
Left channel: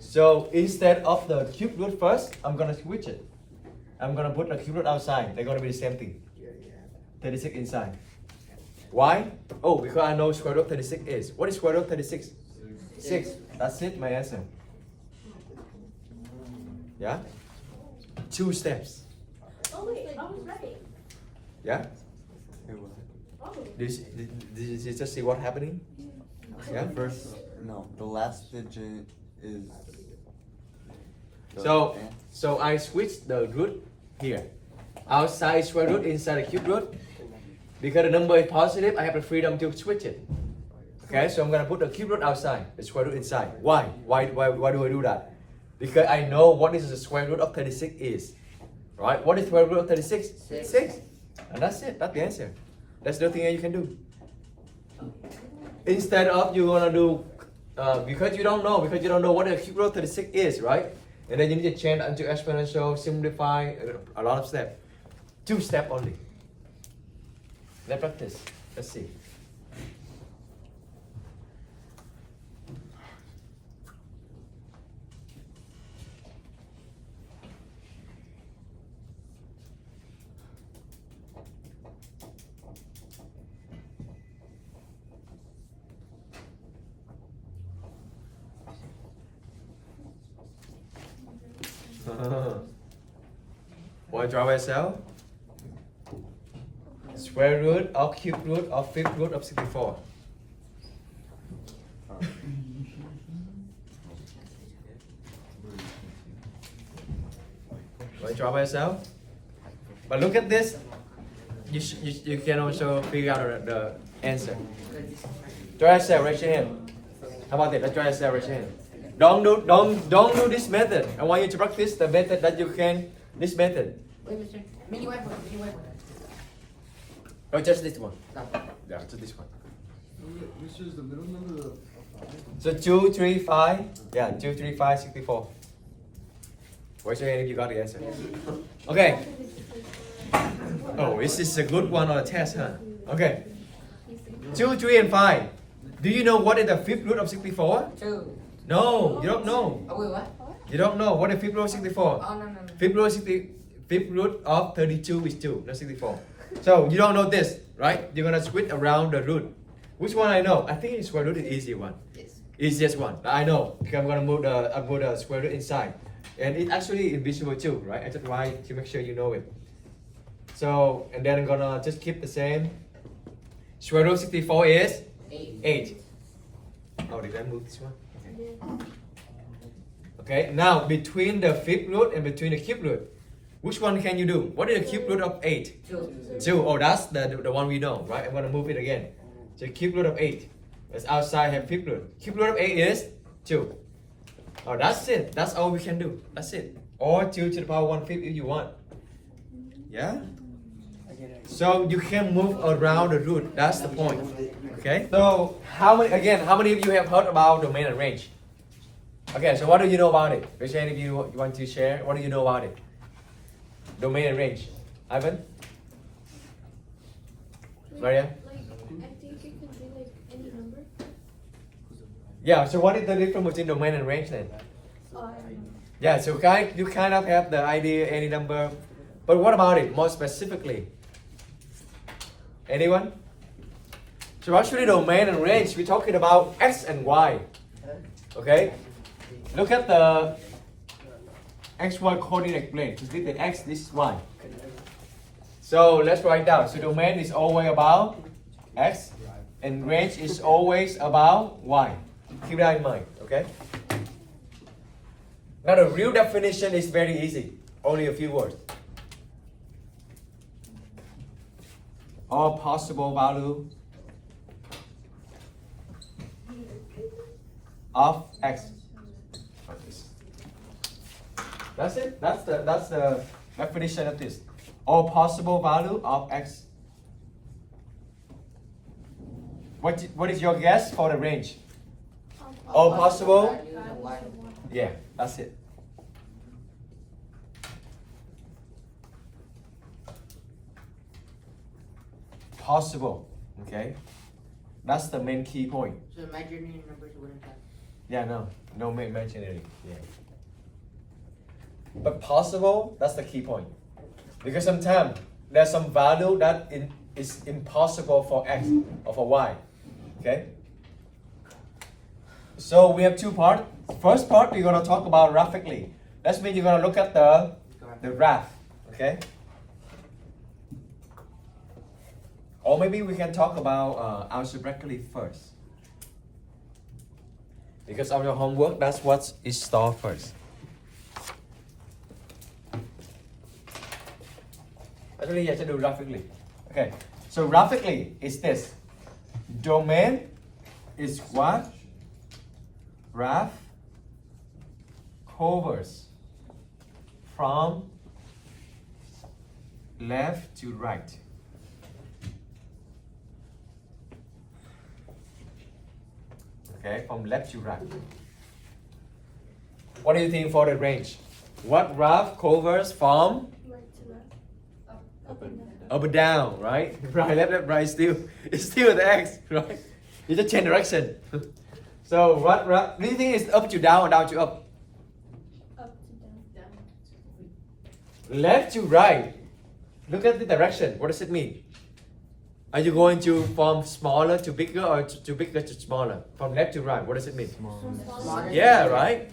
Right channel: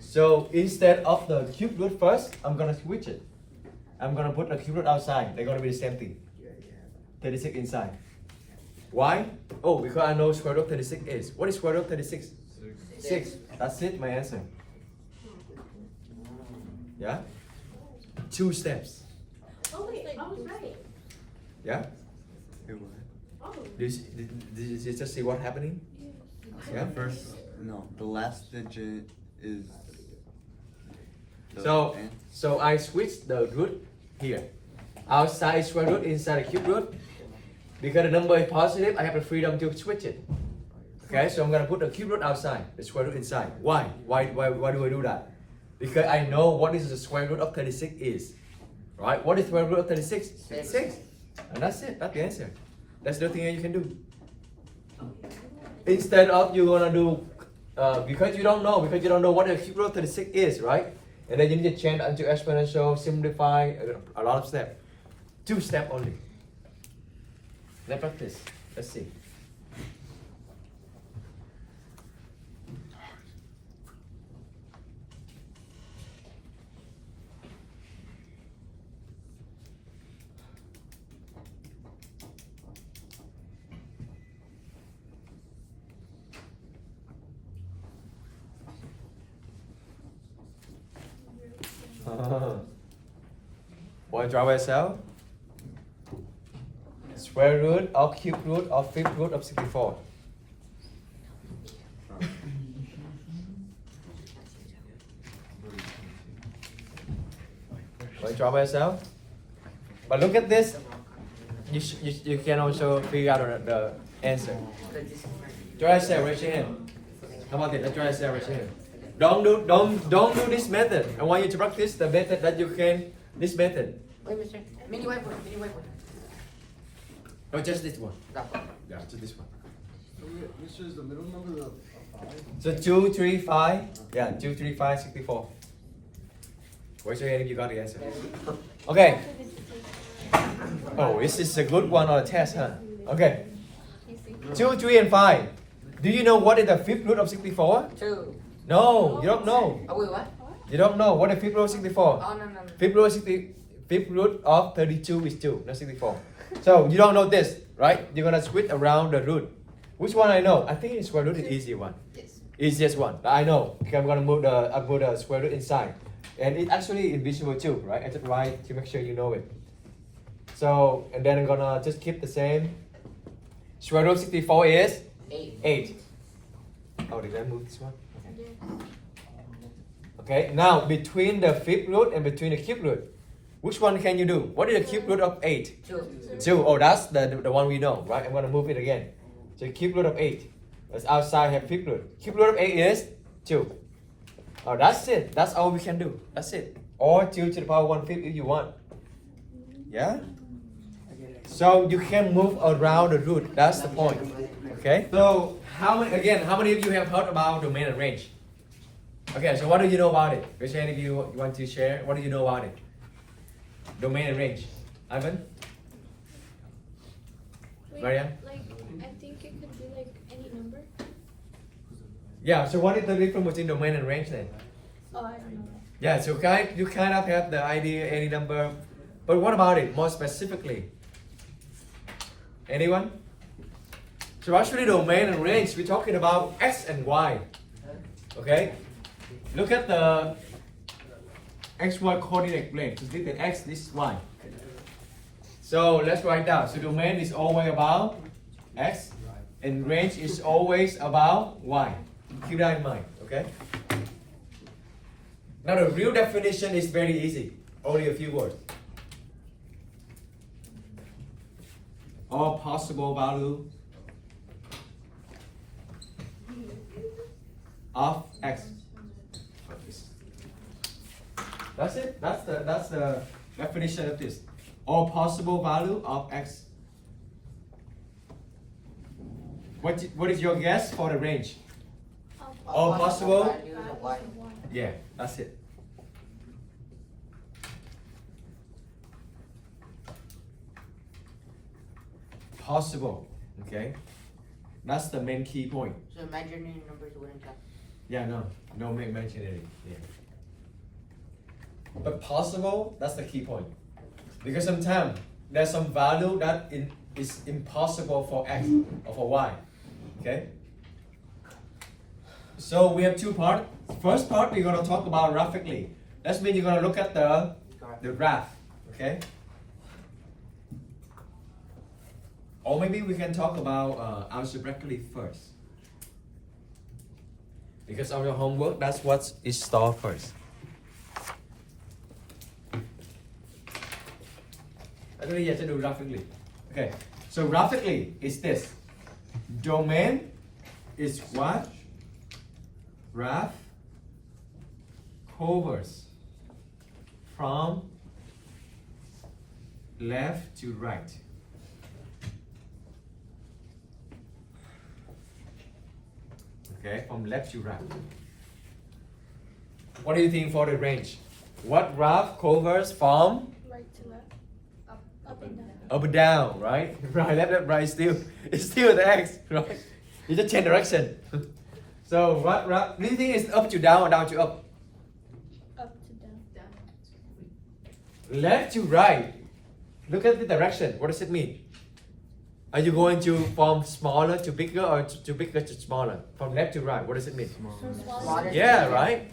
So instead of the cube root first, I'm gonna switch it. I'm gonna put the cube root outside. They're gonna be the same thing. 36 inside. Why? Oh, because I know square root of 36 is. What is square root of 36? 6. That's it, my answer. Yeah? 2 steps. Oh, wait, I was right. Yeah? Oh. Did you just see what's happening? Yeah? The last digit is. So I switched the root here. Outside square root, inside the cube root. Because the number is positive, I have the freedom to switch it. Okay, so I'm gonna put the cube root outside, the square root inside. Why? Why do I do that? Because I know what is the square root of 36 is. Right? What is square root of 36? 6. And that's it. That's the answer. That's the thing that you can do. Instead of you're gonna do because you don't know what the cube root of 36 is, right? And then you need to change into exponential, simplify a lot of steps. 2 steps only. Let's practice. Let's see. Want to draw by yourself? Square root of cube root of fifth root of 64. Want to draw by yourself? But look at this. You can also figure out the answer. Draw yourself, raise your hand. How about it? Let's draw yourself, raise your hand. Don't do this method. I want you to practice the method that you can. This method. Wait, mister. Mini web. Or just this one. No. Yeah, just this one. Which is the middle number of 5? So 2, 3, 5. Yeah, 2, 3, 5, 64. Raise your hand if you got the answer. Okay. Oh, this is a good one on the test, huh? Okay. 2, 3, and 5. Do you know what is the fifth root of 64? 2. No, you don't know. Oh, wait, what? You don't know what is fifth root of 64. Oh, no. Fifth root of 32 is 2, not 64. So you don't know this, right? You're gonna switch around the root. Which one I know? I think square root is easy one. Yes. Easiest one. But I know because I'm gonna move I put the square root inside, and it's actually invisible too, right? I just write to make sure you know it. So and then I'm gonna just keep the same. Square root of 64 is 8. Oh, did I move this one? Okay. Now between the fifth root and between the cube root, which one can you do? What is the cube root of 8? 2. Oh, that's the one we know, right? I'm gonna move it again. So cube root of 8. That's outside have fifth root. Cube root of 8 is 2. Oh, that's it. That's all we can do. That's it. Or 2 to the power 1/5 if you want. Yeah? So you can move around the root. That's the point. Okay? So how many of you have heard about domain and range? Okay, so what do you know about it? Raise your hand if you want to share. What do you know about it? Domain and range. Ivan? Maria? Like, I think it could be like any number. Yeah, so what is the difference between domain and range then? Oh, I don't know. Yeah, so you kind of have the idea, any number. But what about it more specifically? Anyone? So actually domain and range, we're talking about x and y. Okay? Look at the xy coordinate plane. So this is the x, this is y. So let's write down. So domain is always about x and range is always about y. Keep that in mind, okay? Now the real definition is very easy. Only a few words. All possible value of x. That's it. That's the definition of this. All possible value of x. What is your guess for the range? All possible? Values of one. Yeah, that's it. Possible. Okay. That's the main key point. So imaginary numbers wouldn't count. Yeah, no imaginary. Yeah. But possible, that's the key point. Because sometimes there's some value that is impossible for x or for y. Okay? So we have two parts. First part we're gonna talk about graphically. That means you're gonna look at the graph. Okay? Or maybe we can talk about algebraically first. Because of your homework, that's what is stored first. Actually, you have to do graphically. Okay, so graphically is this. Domain is what? Graph covers from left to right. Okay, from left to right. What do you think for the range? What graph covers from Right to left. Up and down. up and down, right? Right, left, right, still. It's still the x, right? You just change direction. So what do you think is up to down or down to up? Up to down. Left to right. Look at the direction. What does it mean? Are you going to from smaller to bigger or to bigger to smaller? From left to right, what does it mean? So smaller. Yeah, right?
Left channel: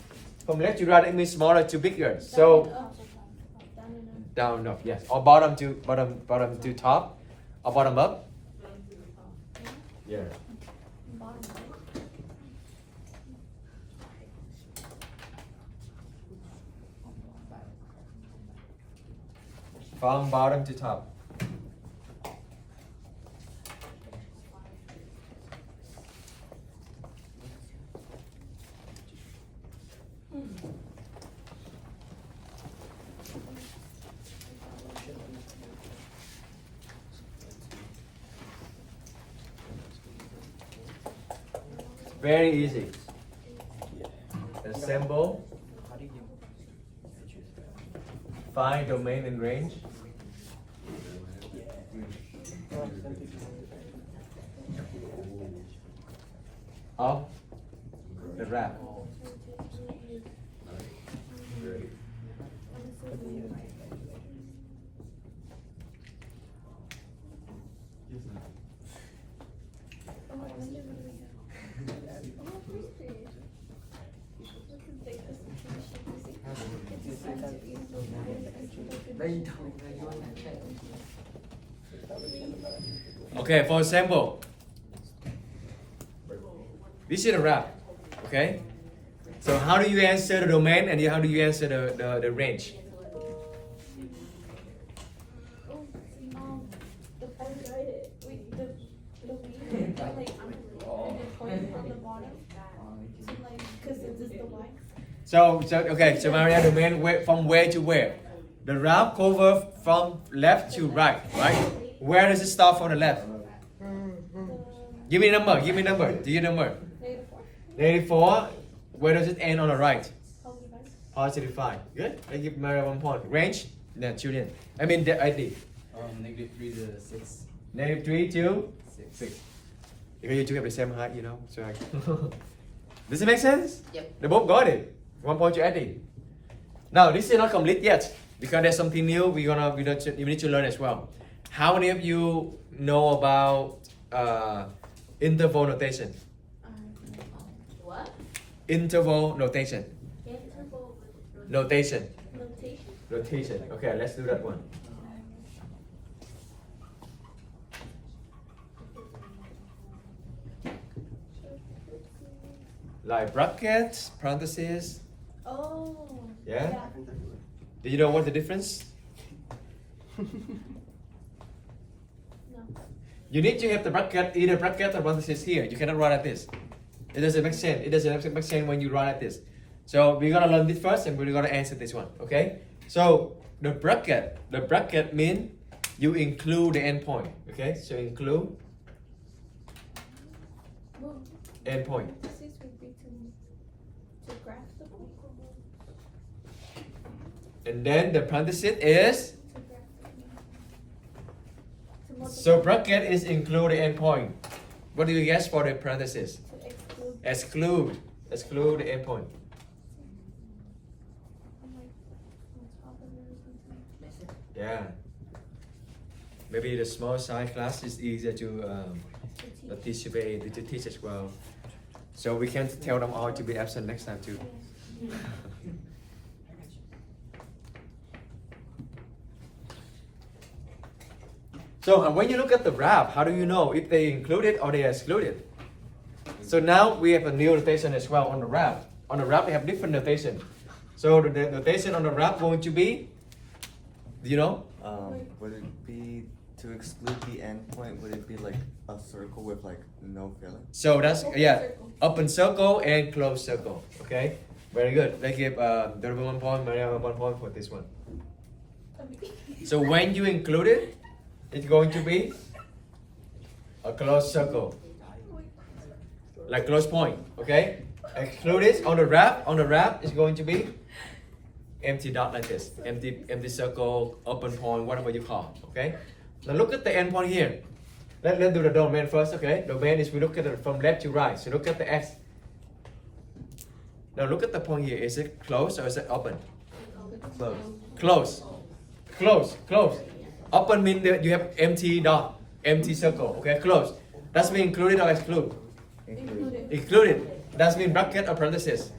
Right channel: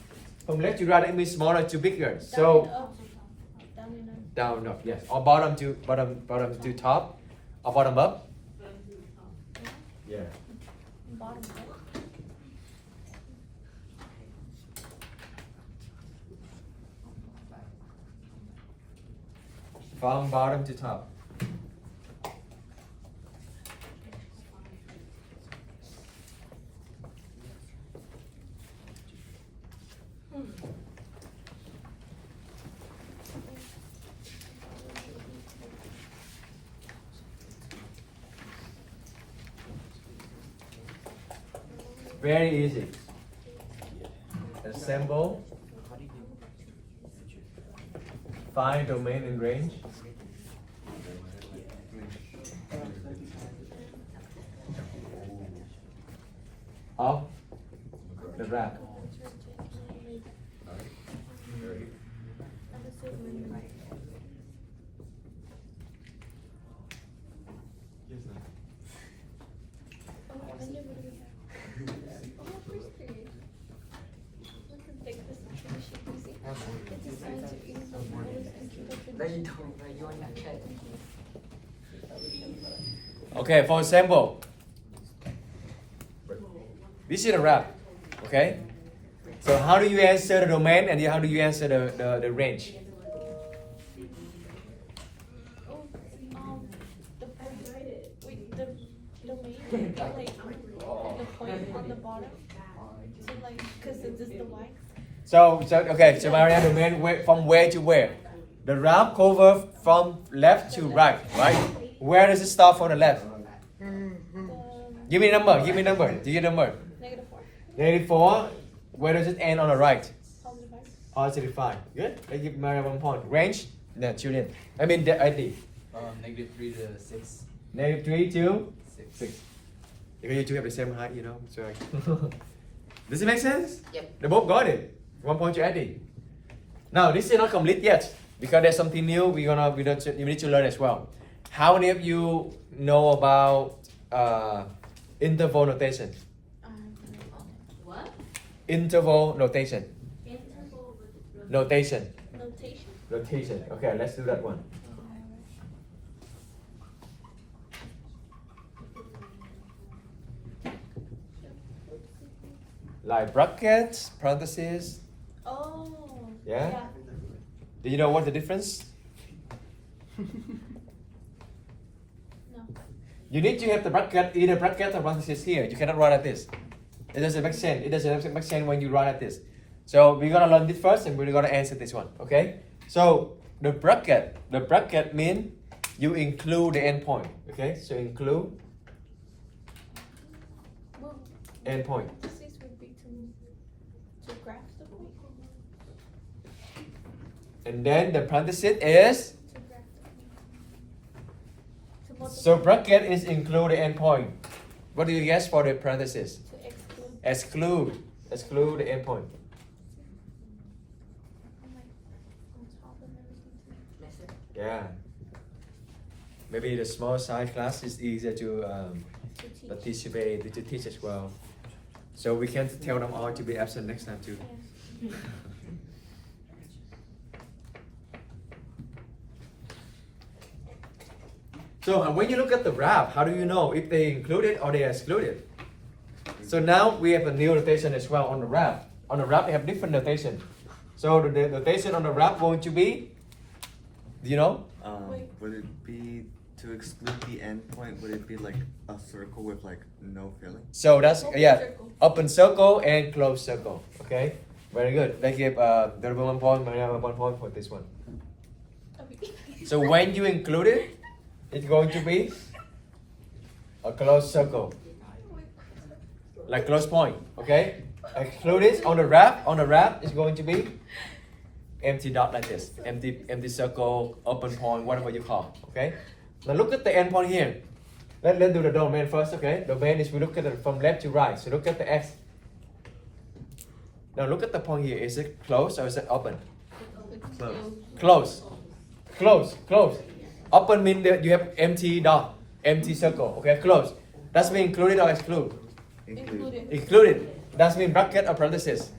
From left to right, it means smaller to bigger. Down So and up. Down and up. Down up, yes. Or bottom to top. Or bottom up. Yeah. Bottom right. From bottom to top. Very easy. Assemble. Find domain and range. Of the wrap. Oh, I wonder what do we have? Oh, first page. Look at like this tradition. You see? It's assigned to either the rules and keep up tradition. Okay, for example, this is a wrap. Okay? So how do you answer the domain and how do you answer the range? Oh, the wait, the domain, like the point on the bottom. So like, cause this is the y. So okay, so Maria domain from where to where? The wrap cover from left to right, right? Where does it start from the left? Give me a number, give me a number. Do you number? -4. -4. Where does it end on the right? Positive 5. Positive 5. Good. I give Maria 1 point. Range? No, Julian. I mean the ID. -3 to 6. -3 to 6. Because you two have the same height, you know. So does it make sense? Yep. They both got it. 1 point to Eddie. Now this is not complete yet because there's something new you need to learn as well. How many of you know about interval notation? What? Interval notation. Notation. Notation. Notation. Okay, let's do that one. Like brackets, parentheses. Oh. Yeah? Do you know what the difference? No. You need to have the bracket, either bracket or parentheses here. You cannot write like this. It doesn't make sense. It doesn't make sense when you write like this. So we're gonna learn this first, and we're gonna answer this one. Okay? So the bracket means you include the endpoint. Okay? So include Well, endpoint. parentheses would be to graph the point. And then the parenthesis is To graph the point. To multiply. so bracket is include the endpoint. What do you guess for the parenthesis? To exclude. Exclude the endpoint. I'm like on top of everything too. Yeah. Maybe the small size class is easier to To to teach as well. So we can tell them all to be absent next time too. Yeah. So when you look at the graph, how do you know if they included or they excluded? So now we have a new notation as well on the graph. On the graph, they have different notation. So the notation on the graph going to be, you know, Wait. Would it be to exclude the endpoint? Would it be like a circle with like no filling? so that's Open yeah, circle. open circle and closed circle. Okay, very good. They give the 1 point, Maria 1 point for this one. Okay. So when you include it, it's going to be a closed circle, like close point. Okay, exclude it on the wrap. On the wrap is going to be empty dot like this, empty circle, open point, whatever you call. Okay. Now look at the endpoint here. Let's do the domain first. Okay. Domain is we look at it from left to right. So look at the x. Now look at the point here. Is it closed or is it open? Close. Close. Open means that you have empty dot, empty circle. Okay, close. That's mean included or exclude? Included. Included. That's mean bracket or parenthesis?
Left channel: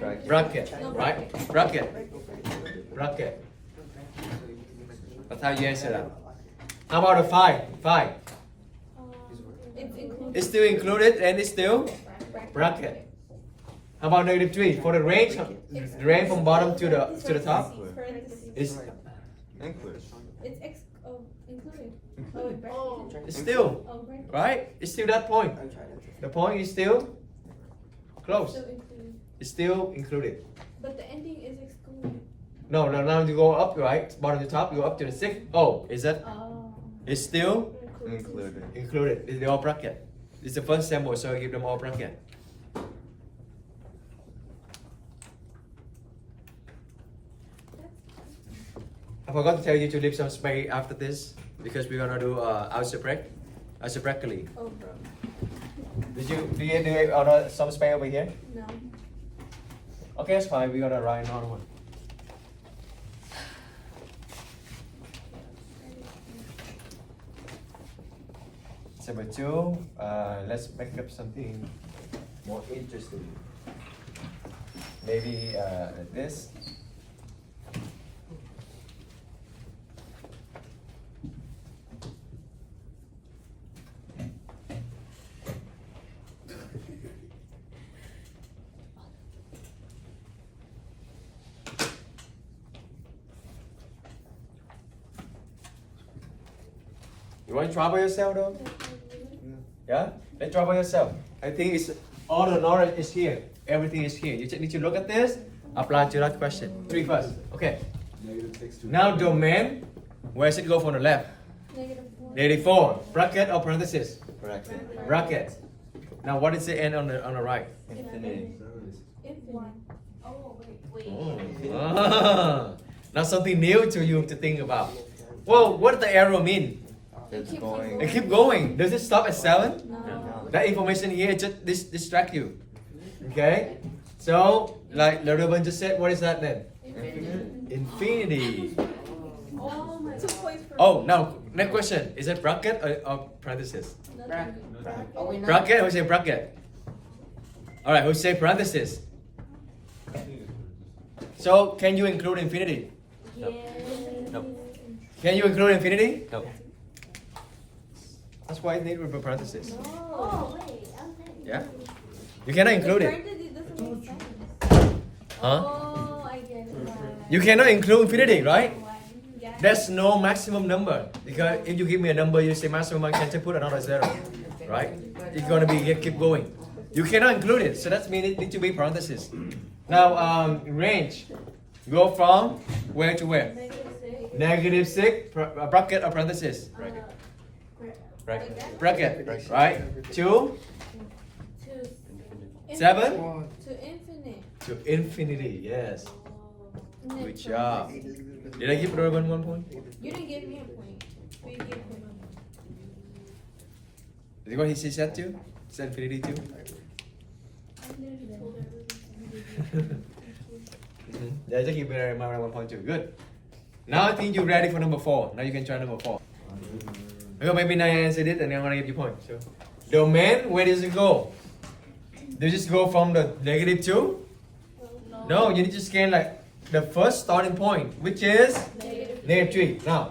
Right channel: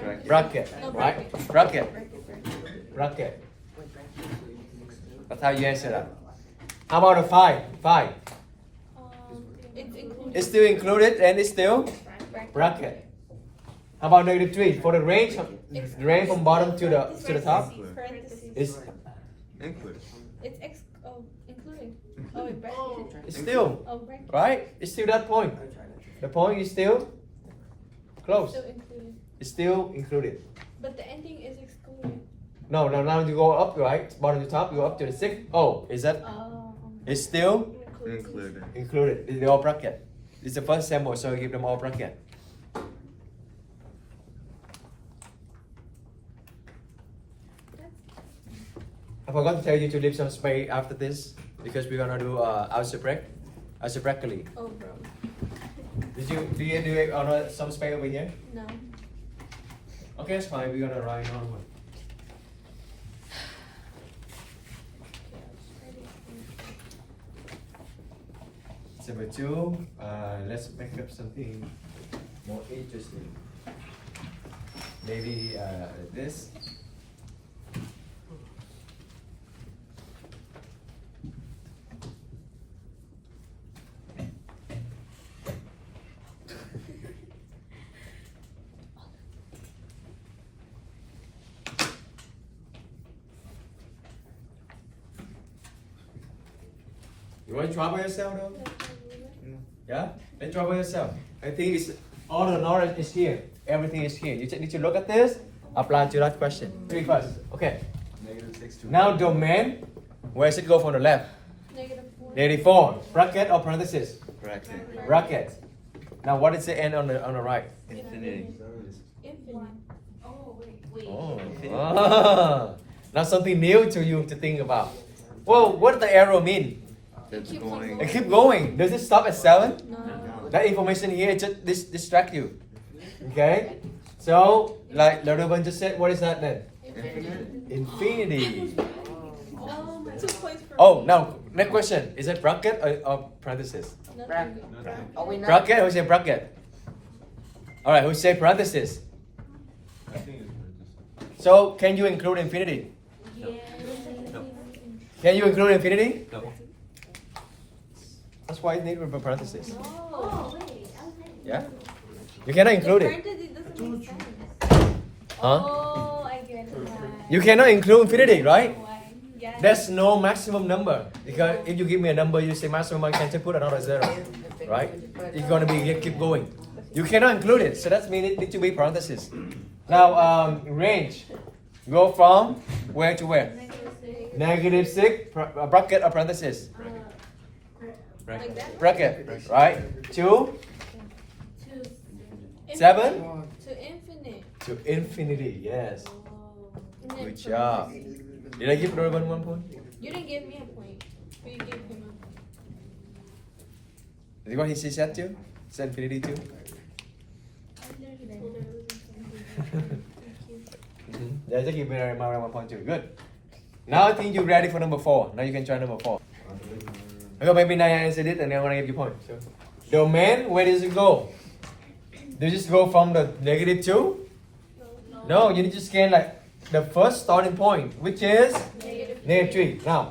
Bracket. Bracket, No, right? bracket. Bracket. Bracket. Bracket. That's how you answer that. How about a 5? 5. It's included. It's still included and it's still bracket. How about negative 3? For the range from bottom to the top, Parentheses. it's Include. It's including. Oh, it bracket. it's still Oh, bracket. right. It's still that point. The point is still close. Still included. It's still included. But the ending is excluded. No, now you go up, right? Bottom to top, you go up to the 6. Oh, is that? Oh. It's still Included. included. They're all bracket. It's the first sample, so you give them all bracket. I forgot to tell you to leave some space after this because we're gonna do algebraically. Oh, bro. Did you do it on some space over here? No. Okay, that's fine. We're gonna write another one. Number 2. Let's make up something more interesting. Maybe this. You want to try by yourself though? Yeah? Let's try by yourself. I think it's all the knowledge is here. Everything is here. You just need to look at this, apply to that question. 3 first. Okay. Negative 6 to Now domain, where does it go from the left? -4. Negative 4. Bracket or parenthesis? Bracket. Bracket. Now what is the end on the right? Infinity. Infinite. Oh, wait. Oh. Ah. Now something new to you to think about. Well, what does the arrow mean? It's keeps on going. It keep going. Does it stop at 7? No. That information here just distract you. Okay? So, like Laravan just said, what is that then? Infinite. Infinity. Oh my. 2 points for. Oh, now, next question. Is it bracket or parenthesis? Nothing. Oh, we know. Bracket? Who said bracket? Alright, who said parenthesis? So, can you include infinity? Yes. No. Can you include infinity? No. That's why it needs a parenthesis. No. Oh, wait. Okay. Yeah? You cannot include it. Parentheses doesn't make sense. Huh? Oh, I get it. Why? You cannot include infinity, right? Why? Yeah. There's no maximum number. Because if you give me a number, you say maximum, I can just put another 0. Right? It's gonna be keep going. You cannot include it, so that means it needs to be parentheses. Now, range. Go from where to where? -6, bracket or parenthesis? Like that? Bracket, right? 2, To 7, To infinite. to infinity, yes. And then Good job. Did I give Laravan 1 point? You didn't give me a point, but you gave him a point. Is what he said to you? Said infinity too? I literally told her it was infinite. Thank you. Yeah, just give me Laravan 1 point too. Good. Now I think you're ready for number 4. Now you can try number 4. Okay, maybe now I answered it and I'm gonna give you a point. So, domain, where does it go? Does it go from the -2? No, you need to scan like the first starting point, which is -3. Now,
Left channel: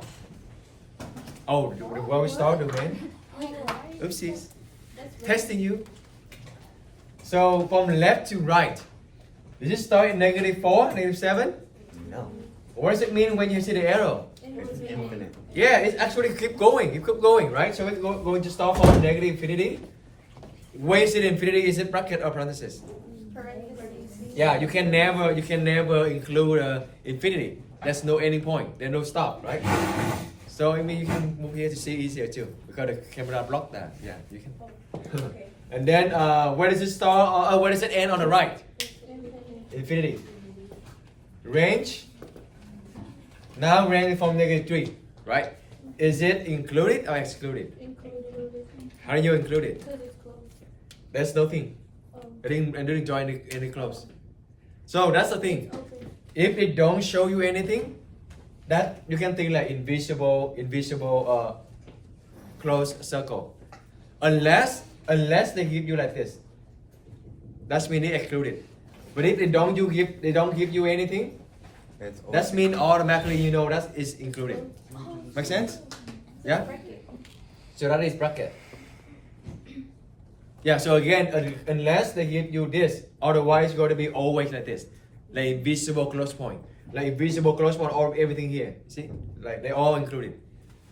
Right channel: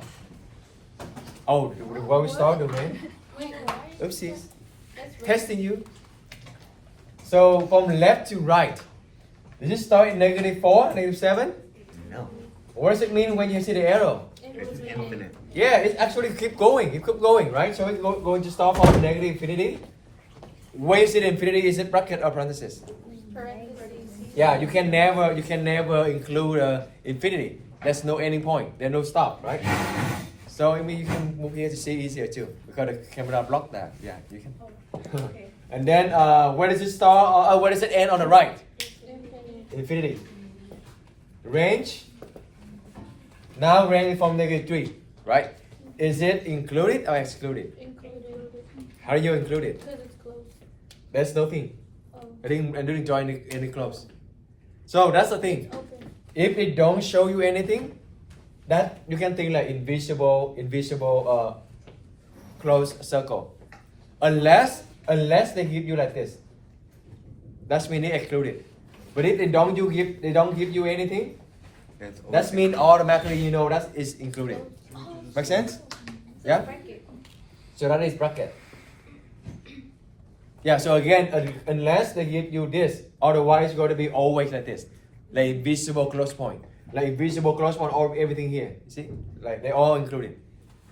oh, where we start domain? Wait, why? Oopsies. That's right. Testing you. So from left to right, does it start at -4, -7? No. What does it mean when you see the arrow? It's infinite. Yeah, it actually keep going. It keep going, right? So it's going to start from negative infinity. When you see the infinity, is it bracket or parenthesis? Parentheses. Yeah, you can never include infinity. There's no ending point. There's no stop, right? So I mean, you can move here to see it easier too because the camera blocked that. Yeah, you can. Okay. And then where does it start? Where does it end on the right? Infinite. Infinity. Range. Now range from -3, right? Is it included or excluded? Included. How do you include it? Because it's closed. There's nothing. Oh. I didn't draw any clubs. So that's the thing. Open. If it don't show you anything, that you can think like invisible closed circle. Unless they give you like this. That's mean it excluded. But if they don't give you anything, It's that's mean automatically you know that is included. Oh, Make sense? So Yeah? bracket. So that is bracket. Yeah, so again, unless they give you this, otherwise it's going to be always like this. Like visible close point. Like visible close point, all everything here. See? Like they all included.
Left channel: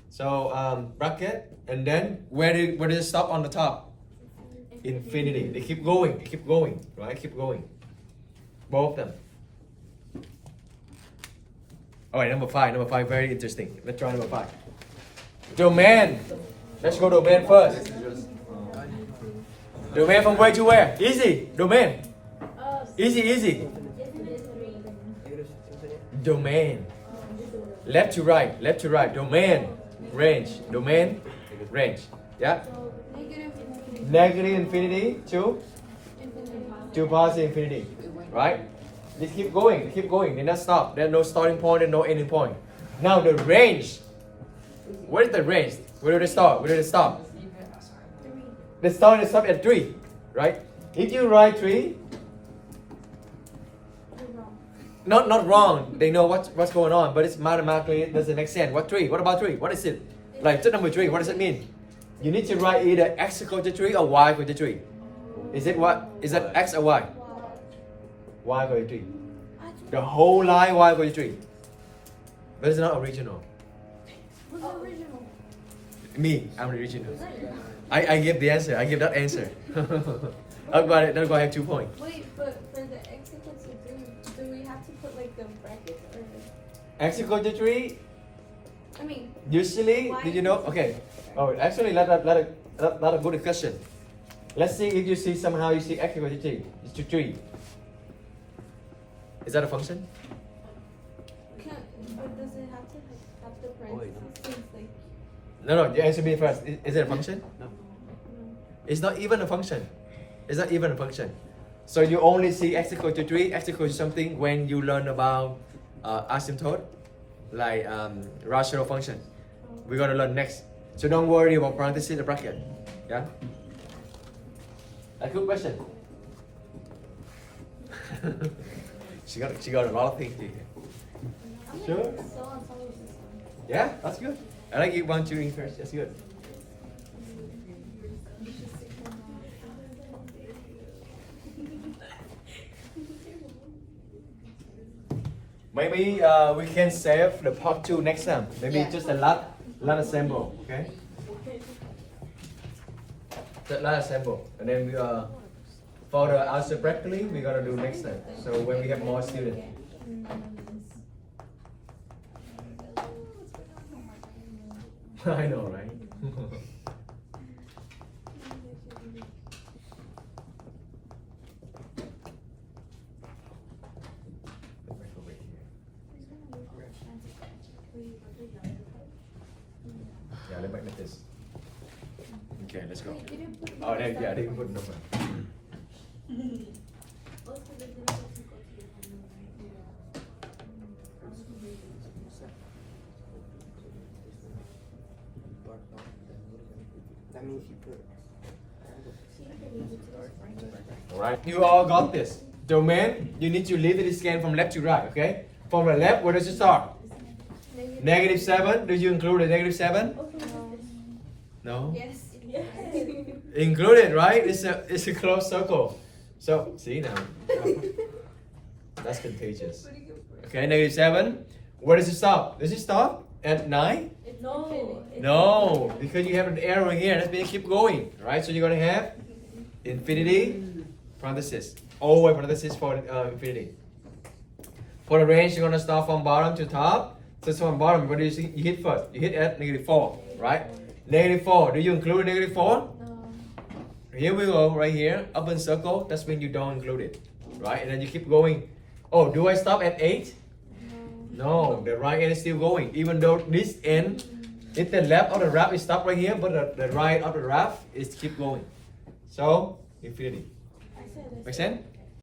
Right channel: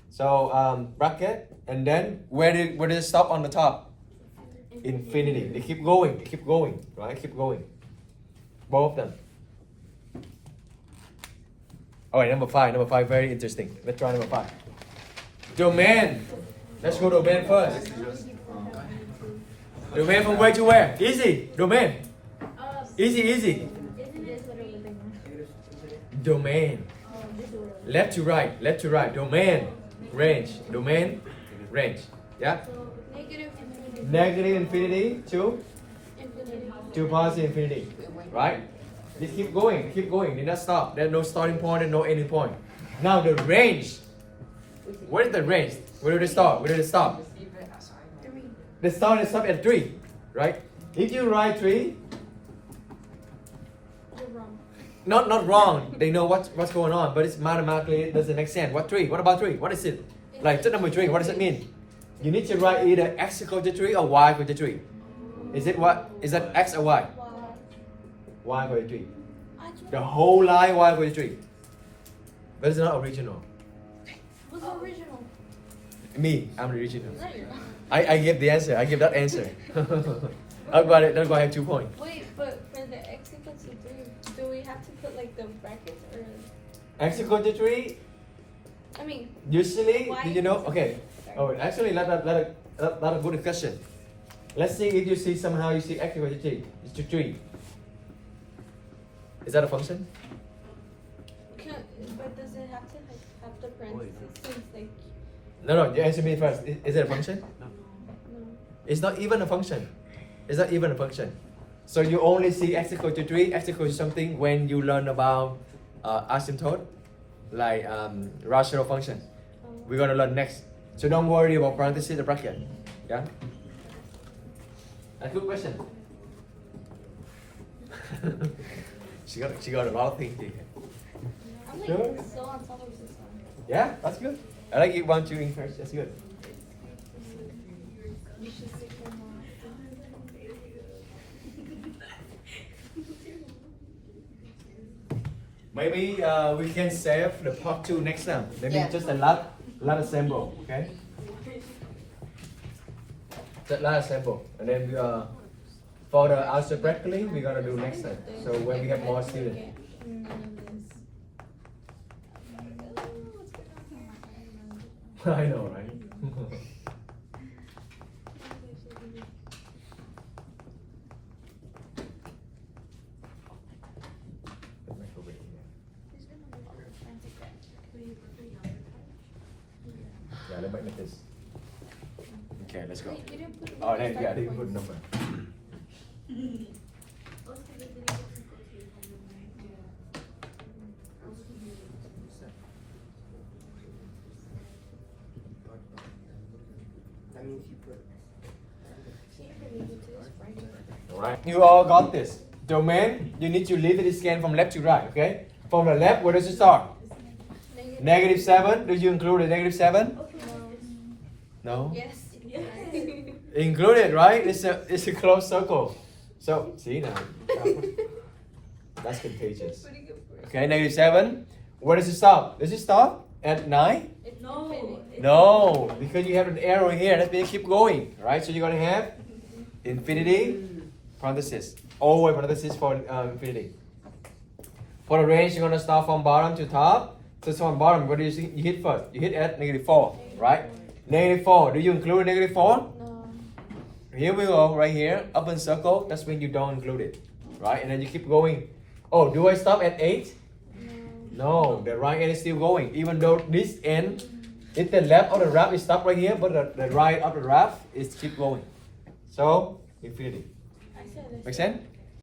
So bracket, and then where does it stop on the top? Infinity. They keep going, right? Keep going. Both of them. Alright, number five, very interesting. Let's try number 5. Domain. Let's go domain first. Domain from where to where? Easy. Domain. Easy. Domain. Left to right. Domain. Range. Yeah? Negative infinity to positive infinity. Right? Just keep going. They not stop. There's no starting point and no ending point. Now the range. Where is the range? Where did it start? The start is stop at 3, right? If you write 3, not wrong. They know what's going on, but it's mathematically it doesn't make sense. What 3? What about 3? What is it? Like to number 3, what does it mean? You need to write either x equal to 3 or y equal to 3. Is that x or y? Y equal to 3. The whole line y equal to 3. But it's not original. What's the original? Me, I'm the original. Is that your? I give the answer. I give that answer. I've got it. That's why I have 2 points. Wait, but for the x equals to 3, do we have to put like the brackets or? X equal to 3. I mean. Usually, Y did you know? equals to Okay. 3. Oh, actually, let a good question. Let's see if you see somehow you see x equal to 3. It's to 3. Is that a function? But does it have to like have the parentheses since like No. You answer me first. Is it a function? no? It's not even a function. So you only see x equal to 3, x equal to something when you learn about asymptote, like rational function. We're gonna learn next. So don't worry about parentheses or bracket. Yeah? A good question. she got a lot of things here. I'm like Sure. so on top of this one. Yeah, that's good. I like it 1, 2 in French. That's good. You should stick them on. Maybe we can save the part 2 next time. Maybe Yeah. just a lot assemble, okay? Just lot assemble, and then we for the answer practically we're gonna do next time. So when we have more students. None of this. I know, right? Yeah, let me make this. Okay, let's go. Wait, you didn't put Oh, the yeah, I didn't put number. I mean, if you put. Alright, you all got this. Domain, you need to literally scan from left to right, okay? From the left, where does it start? Negative 7. Do you include the negative 7? No? Yes. Included, right? It's a closed circle. So, see now. That's contagious. Okay, negative 7. Where does it stop? Does it stop at 9? No, because you have an arrow here. That means keep going, right? So you're going to have infinity, parenthesis. Always parenthesis for infinity. For the range, you're going to start from bottom to top. So from bottom, what do you see? You hit first. You hit at negative 4, right? Negative 4. Do you include negative 4? No. Here we go, right here. Open circle. That's when you don't include it, right? And then you keep going. Oh, do I stop at 8? No, the right end is still going. Even though this end, if the left of the graph is stopped right here, but the right of the graph is keep going. So, infinity. I said this. Make sense?